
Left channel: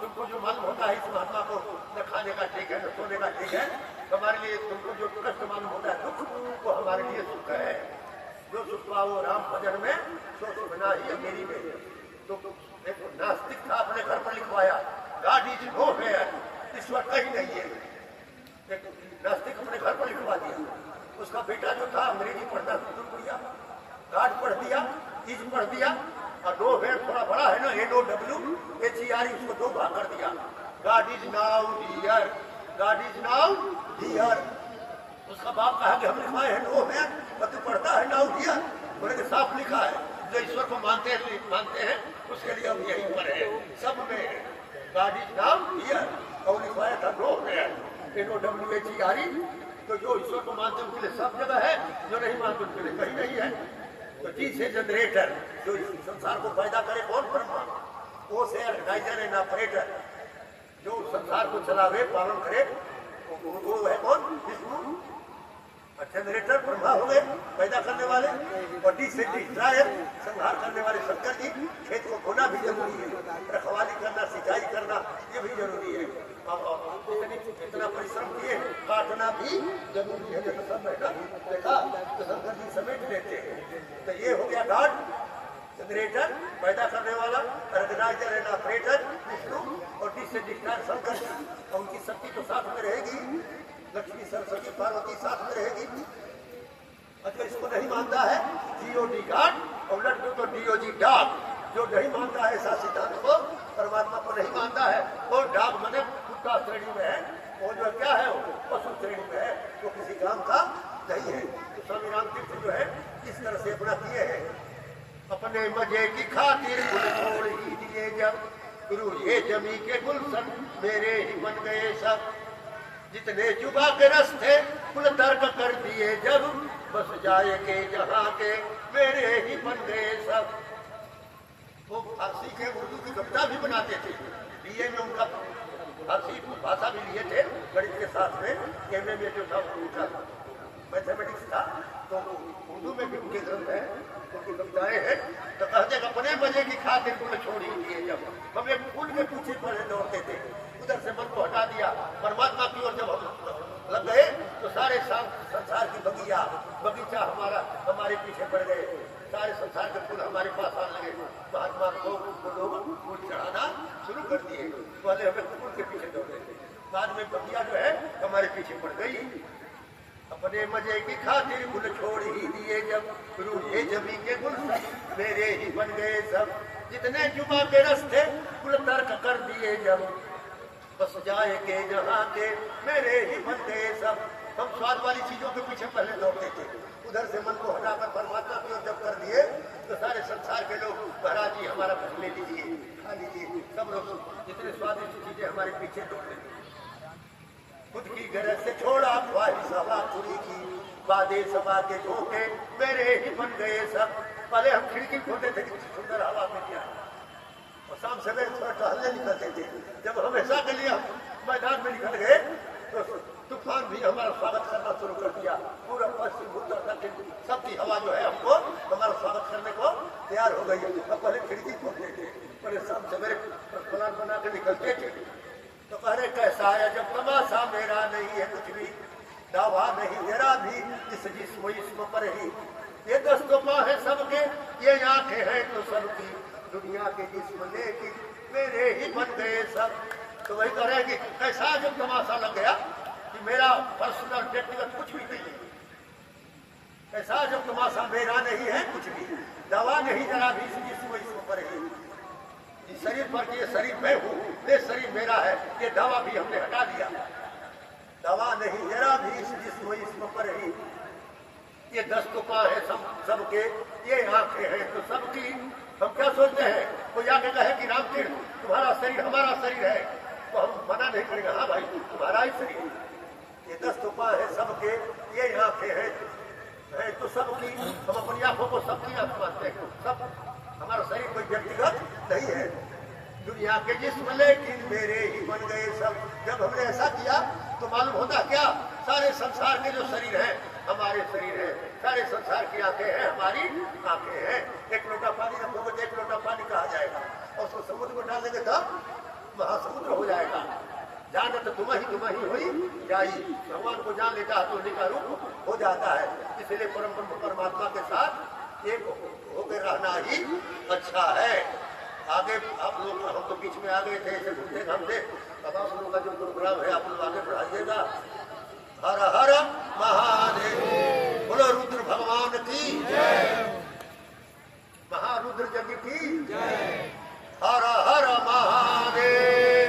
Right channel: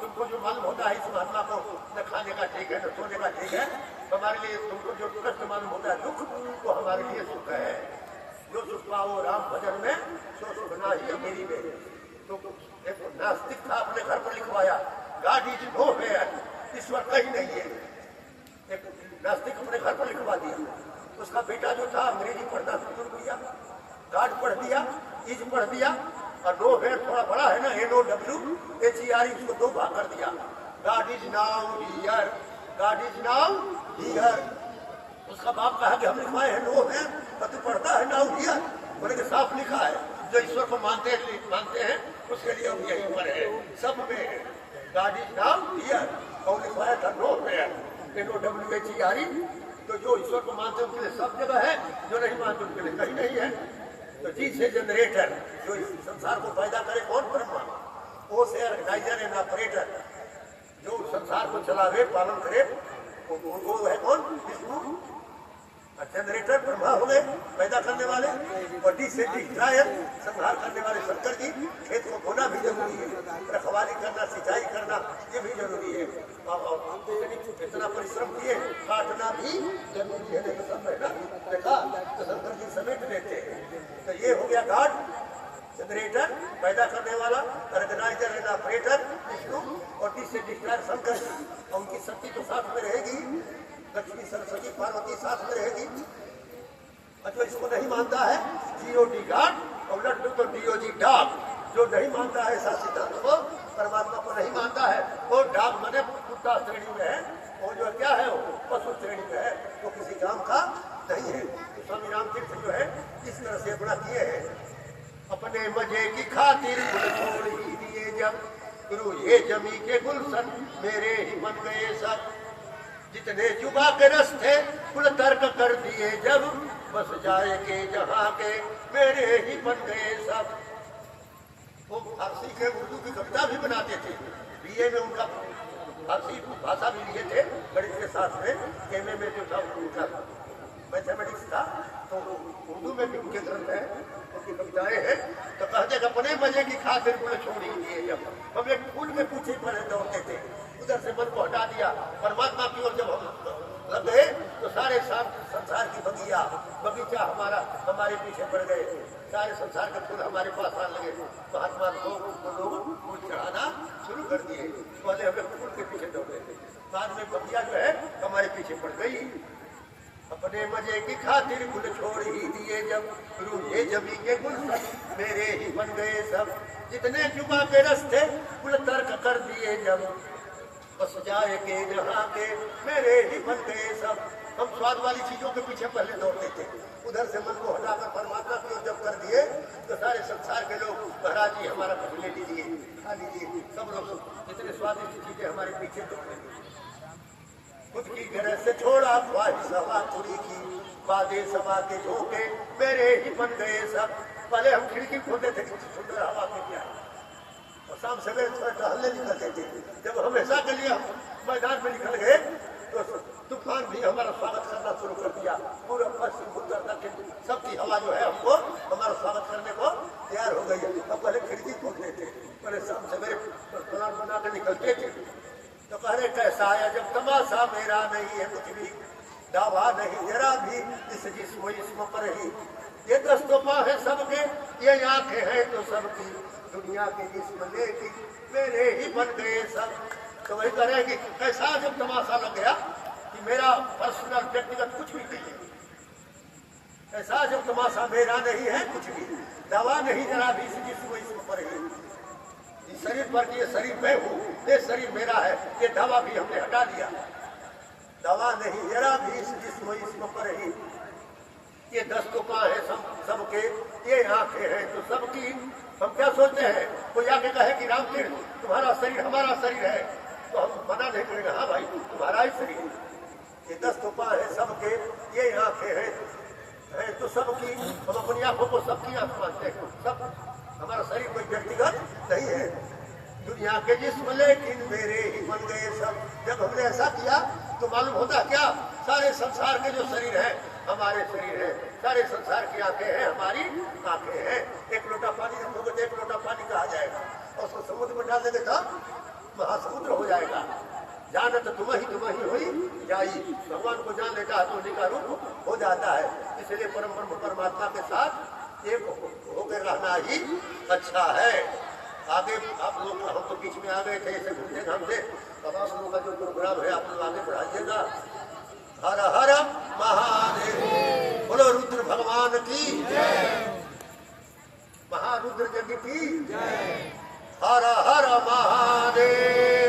तुमको जो मालूम होता है इस महात्मा को, न खाने का ठीक है न सोने का ठीक है, हमारे लिए तुमको जो कष्ट मालूम होता है दुख, तो हमारे लिए सुख है। जो सुख पाओ राम भजन में, सो सुख ना ही अमीरी में। तो एक नास्तिक था, अपने घर पर लिखवाया गॉड इज नो वेयर, ईश्वर कहीं नहीं है। एक नास्तिक अपने घर पर लिखवा दिया। उसका बेटा जो था अंग्रेजी पढ़ना शुरू किया, गॉड पढ़ दिया, इज पढ़ दिया, और नो वेयर थोड़ा बड़ा है ना, NOWHERE, उसको 2 भाग कर दिया। God is now here, God is now here. उसका बाप कहा कि हम लिखवाए हैं नो वेयर, और तू पढ़ता है नाउ हियर। बोले कि साफ लिखा है, जो ईश्वर को मानते हैं उसके लिए हम यही पर है, सब में है। गॉड इज नाउ हियर, और लिखवाया था नो वेयर, NOWHERE। तो जो ईश्वर को मानते हैं उनके लिए सब जगह है, जो नहीं मानते उनके लिए कहीं नहीं है। तो जी से जनरेटर, जो संसार को पैदा करे कौन? ब्रह्मा। वो से ऑर्गेनाइजर एंड ऑपरेटर, जो संसार को चलावे पालन करे वो है कौन? विष्णु। जनरेटर ब्रह्मा हो गए, पैदा करने वाले, और डी से डिस्ट्रॉयर, संहार करने वाले शंकर जी। खेत को बोना भी जरूरी है, रखवाली करना, सिंचाई करना ये भी जरूरी है, और इतना परिश्रम किए काटना भी जरूरी है। देखो सब है ना, देखा तो शंकर जी समेट देते हैं। तो ये हो गया गॉड, जनरेटर पैदा करने वाला, ऑर्गेनाइजर एंड ऑपरेटर विष्णु, और डी से डिस्ट्रॉयर शंकर जी। और उनकी शक्ति तो साथ में रहेगी, लक्ष्मी सरस्वती पार्वती साथ में रहेगी। और जो इसको नहीं मानता है GOD गॉड, और लड्डू को DOG डॉग। जो नहीं मानता है ऐसा सिद्धांत को, परमात्मा को नहीं मानता है, और डॉग मने कुत्ता श्रेणी में है, और जो क्या है वो पशु श्रेणी में है, वो किसी काम का नहीं है। तो स्वामी रामतीर्थ जो है इस तरह से अपना किए हैं। अपने मजे की खातिर छोड़ ही दिए जब, गुरु ये जमी के गुलशन मेरे ही बन गए सब। जितने जुबा के रस्ते कुल तर्क कर दिए जब, बस जाए के जहाँ के मेरे ही बन गए सब। वो फारसी के उर्दू की कविता भी बनाते थे। BA में उनका फारसी भाषा भी लिए थे गणित के साथ में। MA में जो था उनका मैथमेटिक्स था, तो उर्दू में भी उनके ग्रंथ है, उनकी कविताएं हैं। तो कहते अपने मजे की खातिर कुल छोड़ ही दिए जब, हम एक फूल में पीछे पड़े दौड़ते थे, उधर से मन को हटा दिया, परमात्मा की ओर जब हम लग गए तो सारे संसार की बगीचा हमारे पीछे पड़ गए। सारे संसार के फूल हमारे पास आने लगे। महात्मा लोग फूल चढ़ाना शुरू कर दिए। पहले हमें फूल के पीछे दौड़ गए थे, बाद में बगिया जो है हमारे पीछे पड़ गई। अपने मजे की खातिर गुल छोड़ ही दिए जब, गुरु ये जमी के गुल मेरे ही बन गए सब। जितने जुबा के रस्ते गुल तर्क कर दिए जब, बस जाए के जहाँ के मेरे ही बन गए सब। हम स्वाद वाली चीजों के पीछे पहले दौड़ते थे, उधर से मन को हटाकर परमात्मा को जब कर दिए तो सारे संसार के लोग महाराज जी हमारा घर ले लीजिए, खा लीजिए। सब लोग इतने स्वादिष्ट चीजें हमारे पीछे दौड़ रहे थे। खुद की गरज से छोड़ा ख्वाहिश हवा चुरी की, वादे सभा के झोंके मेरे ही बन गए सब। पहले हम खिड़की खोलते थे, कितनी सुंदर हवा में क्या, और शाम सवेरे थोड़ा टहलने निकलते थे। जब हम ऐसा के लिए मैदान में निकल गए तो तूफान भी हमारा स्वागत करना शुरू कर दिया। पूरा पश्चिम उत्तर दक्षिण सबकी हवा जो है हमको हमारा स्वागत करने को तैयार हो गई। और पहले खिड़की खोलते थे, पहले शाम सवेरे प्लान बना कर निकलते थे। तो कहने कैसा है जब तमाशा मेरा नहीं है कुछ भी, दावा नहीं जरा भी इस जिस्म इसको पर ही। ये दस्तों है सबके, ये आंखें हैं तो सबकी, दुनिया के जिस्म लेके मेरे ही बन गए सब। तो वही करेंगे कैसा जब तमाशा लग गया कि मेरा पर्सनल व्यक्तिगत कुछ भी नहीं है। ऐसा जब तमाशा मेरा नहीं है कुछ भी, दावा नहीं जरा भी इस जिस्म इसको पर ही। शरीर पर ये शरीर मैं हूँ, ये शरीर मेरा है, ये दावा भी हमने हटा दिया। दावा नहीं जरा भी इस जिस्म इसको पर ही। ये दस्तों है सबके, ये आंखें हैं तो सबकी। हम क्या सोचते हैं, कोई आगे कहे कि रामतीर्थ तुम्हारा शरीर हमारा शरीर है, तो हम मना नहीं करेंगे, हाँ भाई तुम्हारा ही शरीर है। ये दस्तों है सबके, ये आंखें हैं तो सबकी। हम अपनी आंखों को सबकी आंख मानते हैं, सब हमारा शरीर कोई व्यक्तिगत नहीं है। दुनिया के जिस्म लेकिन मेरे ही बन गए सब। जब हमने ऐसा किया तो मालूम होता क्या, सारे संसार के जो शरीर है हमारे शरीर है, सारे संसार की आंखें हैं हमारी आंखें हैं। एक लोटा पानी रखोगे तो एक लोटा पानी कहा जाएगा, और उसको समुद्र में डाल देंगे तब महासमुद्र हो जाएगा। जानत तुम्हें हुई जाई, भगवान को जान लेता है तो उनका रूप हो जाता है। इसलिए परम परमात्मा के साथ एक होकर रहना ही अच्छा है। आगे आप लोग, हम तो बीच में आ गए थे, ऐसे घूमते घामते। अब आप लोगों का जो प्रोग्राम है आप लोग आगे बढ़ाइएगा। हर हर महादेव। बोलो रुद्र भगवान की, महारुद्र जग की। हर हर महादेव।